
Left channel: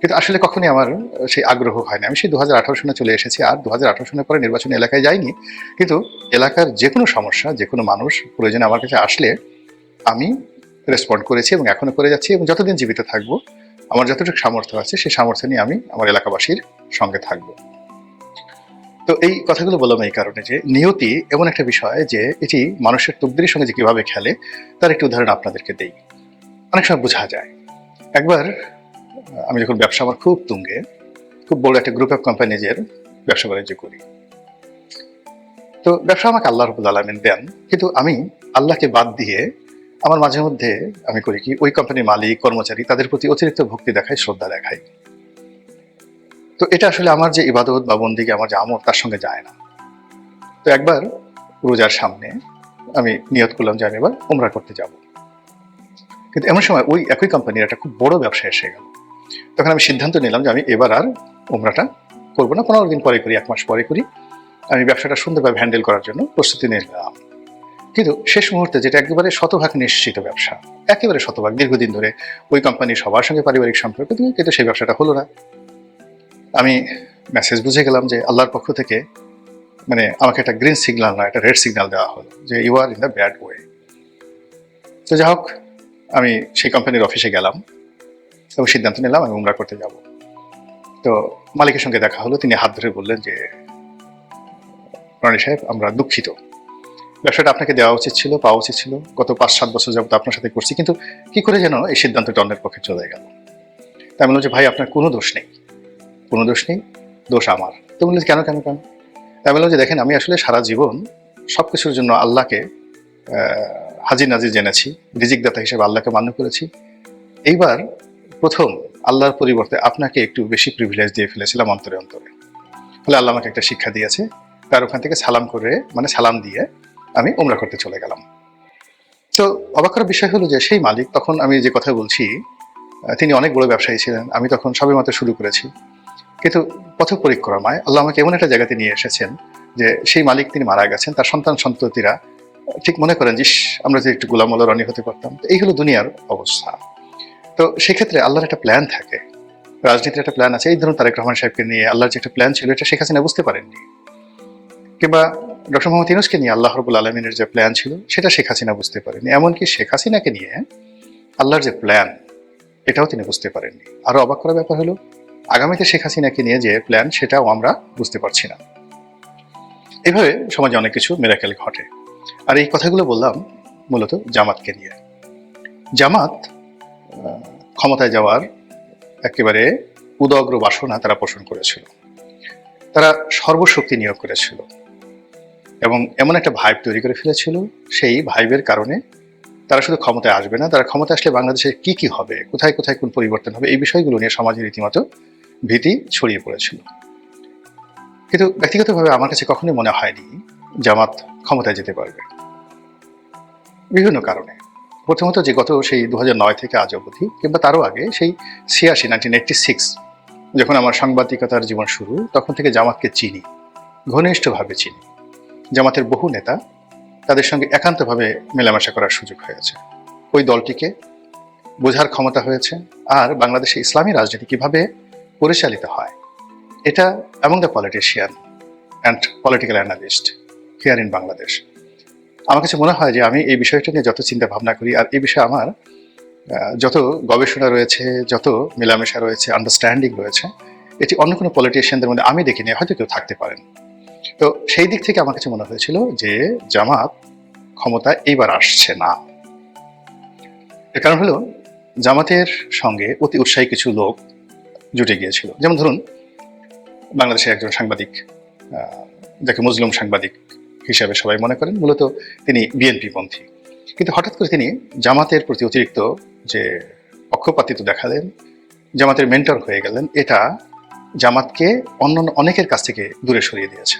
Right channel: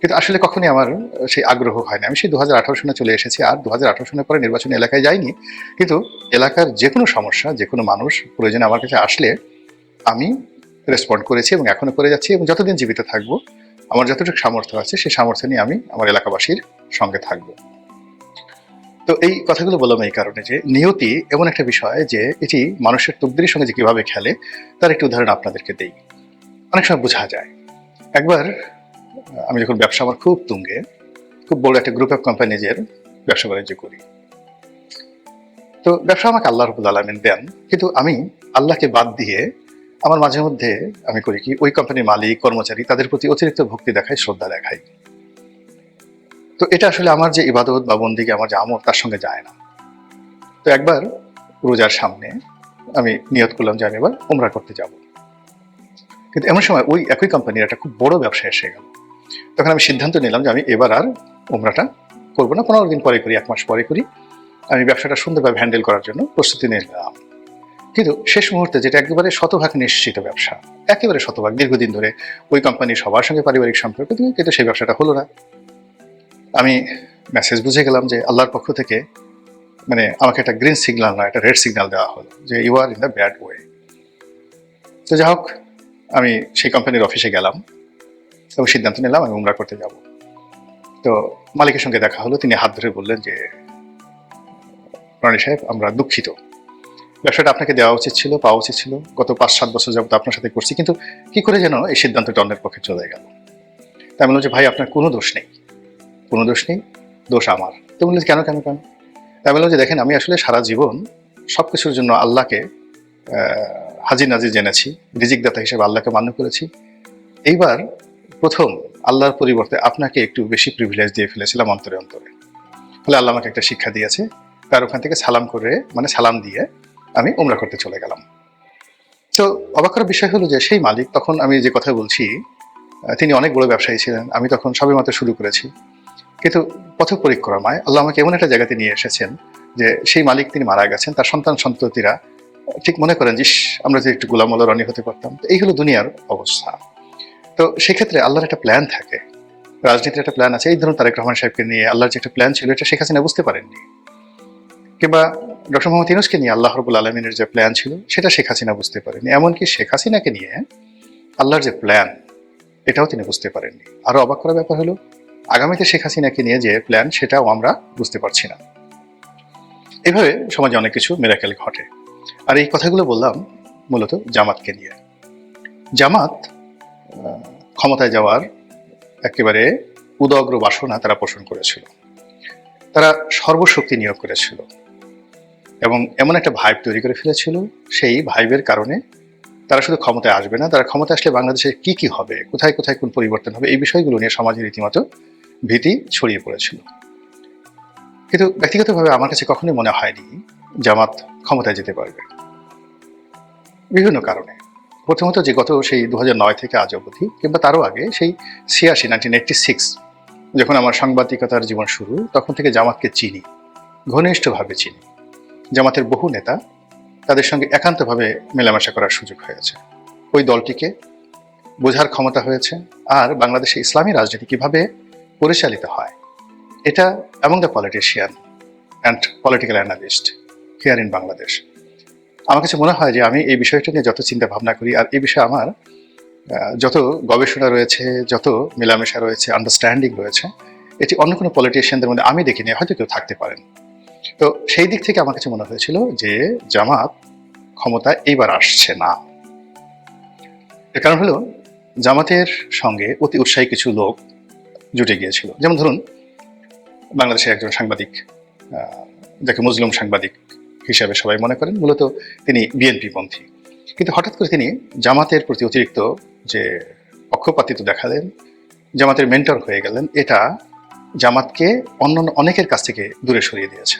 কিন্তু আসলে কখনই আমার সেই আগ্রহ হয় না। আমি সেই 2018 সনে চলে এসেছি, আর 2018 সনের পরে নির্বাচনী এলাকায় যাইনি। কিন্তু এলাকার যে কোনো সমস্যা, যে কোনো মানুষ প্রয়োজনে আমার কাছে আসলে আমি রেসপন্ড করেছি এবং এখনো করে যাচ্ছি, এবং যতদিন জীবিত থাকবো আমার যতটুকু সামর্থ্য আছে সেই সামর্থ্য নিয়ে আমি আমার এলাকাবাসীর সঙ্গে থাকবো। তো এই কথাগুলো বললাম এই কারণে যে নিয়তি এমন একটা বিষয় যে এটি মানুষের তকদিরের সঙ্গে যে কিভাবে খেলে, তার একটি উদাহরণ আপনাদেরকে দেই। অনেক সময় বোঝা যায়। একবার আমি যখন ব্যবসা আমার খুব তুঙ্গে, খুব বড় একটা গ্রুপ অফ কোম্পানিজের ব্যবসা বাণিজ্য করি। ব্যবসা আমাকে আল্লাহ রাব্বুল আলামিন দেন, কিন্তু আমি আল্লাহকে বাদ দিয়ে আমার মাঝে মধ্যে আমি করি কি, ওই কোম্পানির মালিক, কর্মচারী, তাদের প্রতি অতিরিক্ত ভক্তি দেখাই, শ্রদ্ধা দেখাই। তো এটা আসলে আমার যে ইবাদত বা বন্দিকে, আমার যে আমল, তার সঙ্গে যায় না। তো একবার রোজার সামনে আমি নিয়ত করলাম যে আমি এবার উমরা করতে যাব। কিন্তু এমন সময় ওই একই কোম্পানির একটা খুব বড় ব্যবসা এসে গেল। তখন আমি সিদ্ধান্ত নিলাম যে আমি এবার আর উমরাটা করবো না, 15 দিন পরে করি, 1 মাস পরে করি। আমি ব্যবসাটা সুন্দরভাবে হ্যান্ডেল করার জন্য প্রস্তুতি নিলাম। কিন্তু শেষ মুহূর্তে, যেটা একেবারে শতভাগ নিশ্চিত ব্যবসা, একেবারে শতভাগ, দীর্ঘদিন ধরে ওই কোম্পানির সবার সঙ্গে পারিবারিক সম্পর্ক দিয়ে, কিন্তু সেই ব্যবসাটা হলো না। আমি মেসেজ বুঝে গেলাম যে আল্লাহর পক্ষ থেকে মানে আমাকে একটা গ্রিন সিগন্যাল না, একটা রেড সিগন্যাল দেওয়া হলো যে you are in the bad way. তো যাই হোক, আমি সেই কোম্পানির অফিসে গেলাম এবং সিদ্ধান্ত নিলাম আমি উমরা করতে যাব। তো মালিকের সঙ্গে দেখা হলো, তিনি হাত ধরে বললেন যে রনি সাহেব, আমরা দুঃখিত, ব্যবসাটা আপনাকে দেওয়া উচিত ছিল, পাওয়া উচিত ছিল, গত 5-7 বছর যাবত আপনার সাথে করছি, কিন্তু কি করে যেন এই সিদ্ধান্তটা অন্যের পক্ষে চলে গেল। তাই বললাম যে ভাই, আপনার কোনো দোষ নেই, কোনো দোষ নেই, দোষ আমার। তো বললেন কেন কেন কেন? তাই বললাম যে দেখেন, আমি আসলে সারা জীবন সব কিছুর জন্য আল্লাহকে হাজির নাজির জেনেছি, রিজিকদাতা হিসেবে আল্লাহকে মান্য করেছি। এইবার প্রথম আল্লাহর পরিবর্তে আপনাকে একটু বেশি প্রিভিলেজ দিয়ে ফেলেছিলাম অন্তরে অন্তরে। ফলে আল্লাহ আমাকে একটা শিক্ষা দিয়েছে। তার ওখান থেকে সালাম করে, মানে সালাম দিয়ে আমি উমরা করতে চলে গেলাম। তো অবাক করার বিষয় হলো যে সেই মালিক, তখন আমি যে কথা বলছি, তিনি অনেক বড় ব্যবসায়ী ছিলেন। আমি তখন সবেমাত্র শুরু করেছি। কিন্তু পথ পরিক্রমায় আল্লাহ আমাকে এমন একটা জায়গাতে নিয়ে এসেছেন যে সেই মালিক তিনি মারা গেছেন, তার সন্তান সন্ততিরা ঠিক মনে করেন যে আমরা যে একটু গোলাম রনি হতে পারতাম। এই হলো দুনিয়ার অবস্থা। তো সেক্ষেত্রে আল্লাহর একটা প্ল্যান থাকে, রাজনীতির একটা প্ল্যান আছে। এই ধরুন তারেক রহমান সাহেবকে নিয়ে আল্লাহর যে একটা প্ল্যান ছিল, এটা শেখ হাসিনা বুঝতে পারেননি। কিংবা ডক্টর মোহাম্মদ ইউনূসকে নিয়ে আল্লাহ রাব্বুল আলামিনের যে প্ল্যান ছিল, সেটা শেখ হাসিনা বুঝতে পারেনি। এমনকি শেখ হাসিনাকে নিয়ে আল্লাহর যে প্ল্যান, এটাও তিনি বুঝতে পারেননি। আরো অবাক করার ব্যাপার হলো আগামীতে শেখ হাসিনাকে নিয়ে যে প্ল্যান, সেটাও আমরা বুঝতে পারছি না। এভাবে সমাজে অনেক কিছু মিরাকেল ঘটে। আর এই কথাগুলো বললাম মূলত জামাতকে নিয়ে। জামাত ক্ষমতায় যাওয়ার একেবারে উদগ্র বাসনা তারা পোষণ করেছিল, তারা সর্বশক্তি নিয়োগ করেছিল এবং এমন একটা ভাইব তৈরি করে ফেলেছিল, সেই ভাইবের কারণে তারা শুধু ক্ষমতায় আসবে না, তারা ক্ষমতা আসলে বাংলাদেশে কি কি হবে, কোথায় কোথায় কোন পরিবর্তন হবে, এই বিষয়গুলো নিয়ে সমাজে রীতিমতো ভীতি ছড়িয়ে পড়েছিল। কিন্তু ব্যক্তিগতভাবে আমার কাছে কখনোই মনে হয়নি জামাত ক্ষমতায় যেতে পারবে, বিভিন্ন কারণে। প্রথমত যে গত সেই 2009 থেকে আজ অবধি কিংবা তারও আগে সেই 1986 যখন আমার সাংবাদিকতার জীবন শুরু, তখন থেকে জামাতকে চিনি, ঘনিষ্ঠভাবে চিনি। জামাতের বহু নেতা, তাদের সঙ্গে একান্তভাবে মেলামেশা করার সুযোগ হয়েছে, ওই দলটিকে বোঝার ক্ষমতা হয়েছে, আর বাংলাদেশে ইসলামী রাজনীতি কিভাবে পরিচালিত হয় এটা among the politician and political analyst here in Bangladesh. আমার কাছে মনে হয় যে আমি এই বিষয়টা নিয়ে যত চিন্তা ভাবনা করি, আর এই বিষয়ে আমার যত গবেষণা রয়েছে, যত মেলামেশা রয়েছে, আন্ডারস্ট্যান্ডিং রয়েছে, এটি অন্য কোনো পলিটিশিয়ানদের মধ্যে আমি দেখিনি, হয়তো কেউ থাকতে পারেন। তো সেই দিক থেকে আমার কাছে মনে হয়েছিল যে জামাত ক্ষমতায় এইবার আসছে না। এর কারণ হলো জামাতের সঙ্গে অতি উৎসাহী কিছু লোক জুটে গিয়েছিল। যেমন ধরুন বাংলাদেশের একজন সাংবাদিক, যাকে মুসলিম সাংবাদিক হিসাবে সবাই মনে করেন, মূলত তিনি বিএনপি পন্থী, কিন্তু হঠাৎ করে তিনি জামাতের প্রতি অতিরিক্ত যে পক্ষপাতিত্ব দেখালেন, জামাতের মেন্টর হয়ে গেলেন। এটা জামাতকে অন্য অনেকের কাছ থেকে দূরে সরিয়ে দিয়েছে।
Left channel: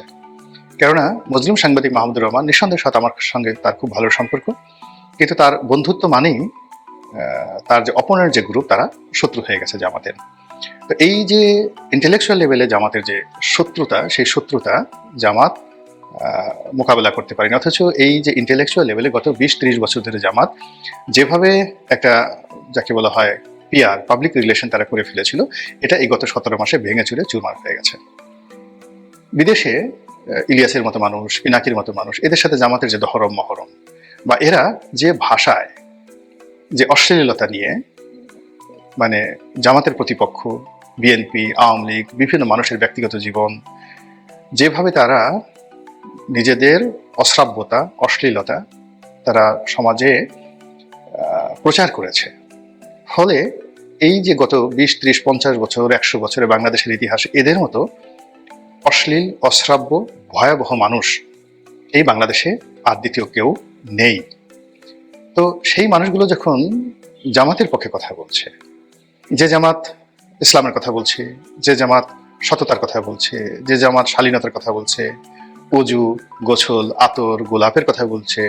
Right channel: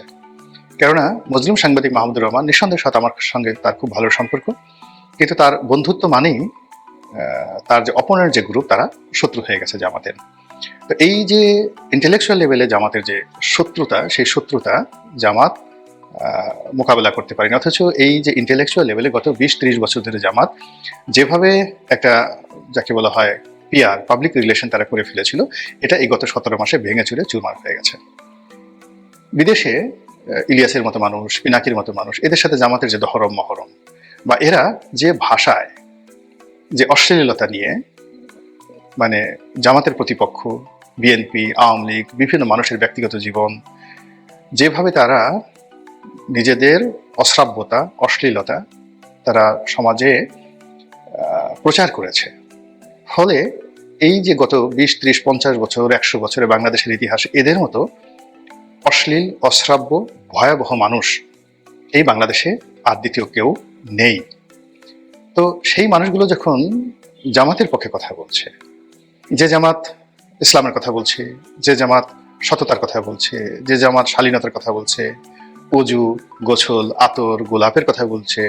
কেননা মুসলিম সাংবাদিক মাহমুদুর রহমান নিঃসন্দেহের সাথে আমার সঙ্গে তার খুব ভালো সম্পর্ক, কিন্তু তার বন্ধুত্ব মানেই তার যে অপোনেন্ট যে গ্রুপ, তারা শত্রু হয়ে গেছে জামাতের। তো এই যে ইন্টেলেকচুয়াল লেভেলে জামাতের যে শত্রুতা, সেই শত্রুতা জামাত মোকাবেলা করতে পারেনি। অথচ এই যে ইন্টেলেকচুয়াল লেভেলে গত 20-30 বছর ধরে জামাত যেভাবে একটা কি বলা হয় রিলেশন তারা করে ফেলেছিল, এটা এই গত 17 মাসে ভেঙে চুরে চূর্ণ হয়ে গেছে। বিদেশে ইলিয়াসের মতো মানুষ, পিনাকির মতো মানুষ, এদের সাথে জামাতের যে দহরম মহরম বা এরা যে ভাষা, যে অশ্লীলতা নিয়ে, মানে জামাতের প্রতিপক্ষ বিএনপি, আওয়ামী লীগ, বিভিন্ন মানুষের ব্যক্তিগত জীবন, যেভাবে তারা নিজেদের অশ্রাব্যতা, অশ্লীলতা তারা সমাজে প্রচার করেছে, ফলে এই যে গত 20-30-50 বছর, 100 বছরে বাংলাদেশের ইতিহাসে এদের মতো অশ্লীল, অশ্রাব্য, ভয়াবহ মানুষ এই বাংলাদেশে আর দ্বিতীয় কেউ নেই। তো সেই মানুষগুলো যখন জামাতের পক্ষে কথা বলছে, যে জামাত ইসলামের কথা বলছে, যে জামাত সততার কথা বলছে, যে জামাত শালীনতার কথা বলছে, অজু, গোসল, আতর, গোলাপের কথা বলছে,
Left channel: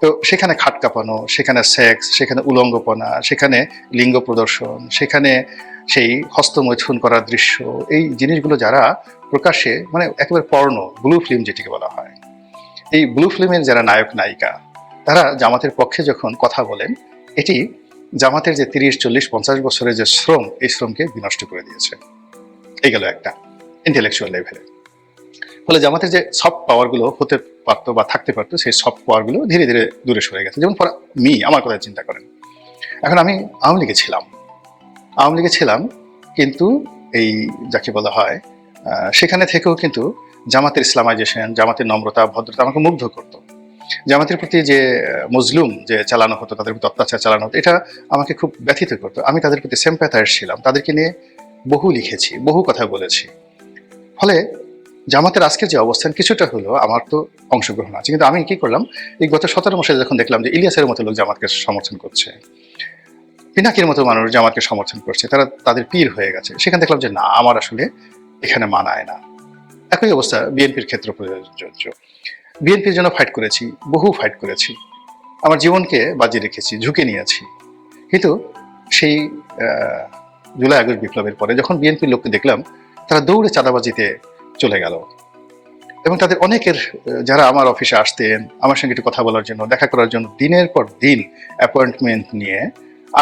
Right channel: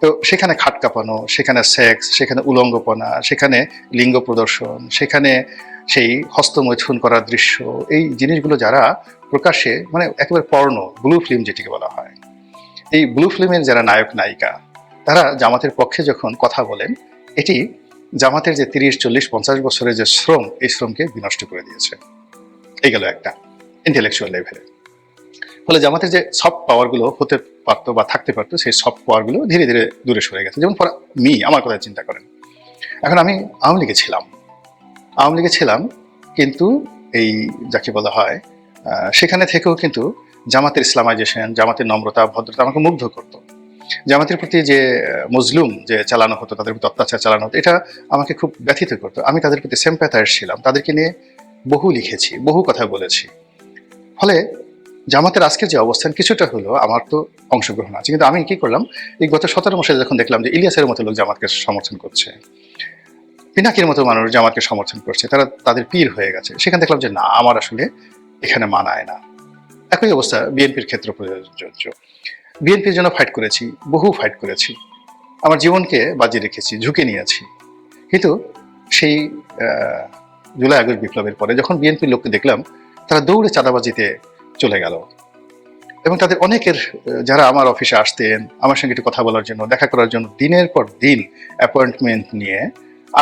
তো সেখানে খাট কাঁপানো, সেখানে সেক্স, সেখানে উলঙ্গপনা, সেখানে লিঙ্গ প্রদর্শন, সেখানে সেই হস্তমৈথুন করার দৃশ্য, এই জিনিসগুলো যারা প্রকাশ্যে, মানে একেবারে পর্ণ, ব্লু ফিল্ম যেটিকে বলা হয়, এই ব্লু ফিল্মের যারা নায়ক নায়িকা, তারা জামাতের পক্ষে যখন কথা বলেন, এটি জামাতের যে 30-40-50 বছরের যে শ্রম, এই শ্রমকে বিনষ্ট করে দিয়েছে। এই গেল একটা ইন্টেলেকচুয়াল লেভেলে। ফলে জামাতের যে সফট পাওয়ারগুলো হতে পারতো বা থাকতে পারতো, সেই সফট পাওয়ারগুলো ধীরে ধীরে দূরে সরে গেছে। যেমন আমার কথা চিন্তা করেন, এখন আমি আওয়ামী লীগে ছিলাম, কিন্তু এই যাকে বলা হয় সেখানে থেকেও কিন্তু জামাতের ইসলামাইজেশন, জামাতের নম্রতা, ভদ্রতা আমাকে মুগ্ধ করতো। জামাতের প্রতি যে মজলুম যে চালানো হতো, তাদের প্রতি অত্যাচার চালানো হতো, এটা আমাকে খুব ব্যথিত করতো। আমি তাদের প্রতি সিম্প্যাথাইজ ছিলাম, তাদেরকে নিয়ে বহু লিখেছি, বহু কথা বলেছি। ফলে জামাতের আজকের যে অবস্থান, কিছুটা হলো আমার তো অংশগ্রহণ আছে, কিন্তু আমি কি করলাম, এই গত 17 মাসে যখন দেখলাম যে ইলিয়াসের মতো লোক জামাতকে সমর্থন করছে, পিনাকির মতো মানুষ জামাতকে সমর্থন করছে, তারা তাদের পীর হয়ে গেছে, সেখানে দেখলাম যে না, আমার আসলে এখানে মানায় না। একই অবস্থা বিএনপির ক্ষেত্রে প্রযোজ্য। বিএনপির জন্য ফাইট করেছি, বহু ফাইট করেছি, আমার জীবনকে বাজি রেখেছি, ঝুঁকে নিয়েছি, কিন্তু সেই জুলাই আগস্ট বিপ্লবের পরে যখন বিএনপির লোককে দেখলাম, তারা দৌড়ে চাঁদাবাজিতে চলে গেল, এবং তাদের অনেকের যারা আমার অফিসে আসতেন আমার সঙ্গে একটু কথা বলার জন্য, দেখা করার জন্য, দিনের পর দিন অ্যাপয়েন্টমেন্ট নিয়ে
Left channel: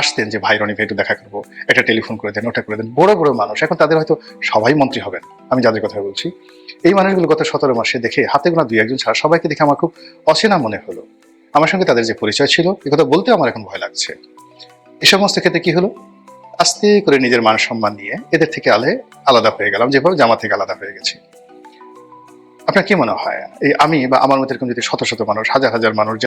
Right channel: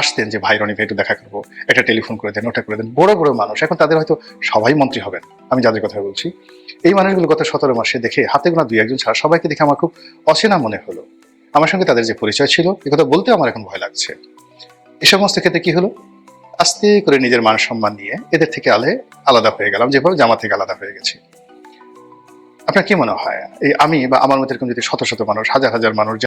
আসতেন যে ভাই রনি ভাই একটু দেখা করবো, এটা টেলিফোন করে দেন, ওটা করে দেন, বড় বড় মানুষ, এখন তাদের হয়তো সবাই মন্ত্রী হবেন, আমি যাদের কথা বলছি। এই মানুষগুলো গত 17 মাসে দেখে, হাতে গোনা 2-1 ছাড়া সবাইকে দেখে আমার খুব অচেনা মনে হলো। আমার সঙ্গে তাদের যে পরিচয় ছিল, এ কথা বলতে আমার এখন ভয় লাগছে। এই সমস্ত ক্ষেত্রে কি হলো, আস্তে করে নিজের মান সম্মান নিয়ে এদের থেকে আলাদা হয়ে গেলাম, যেভাবে জামাত থেকে আলাদা হয়ে গেছি। আপনার কি মনে হয় এই আমি বা আমার মতো এরকম যদি শত শত মানুষ, হাজার হাজার মানুষ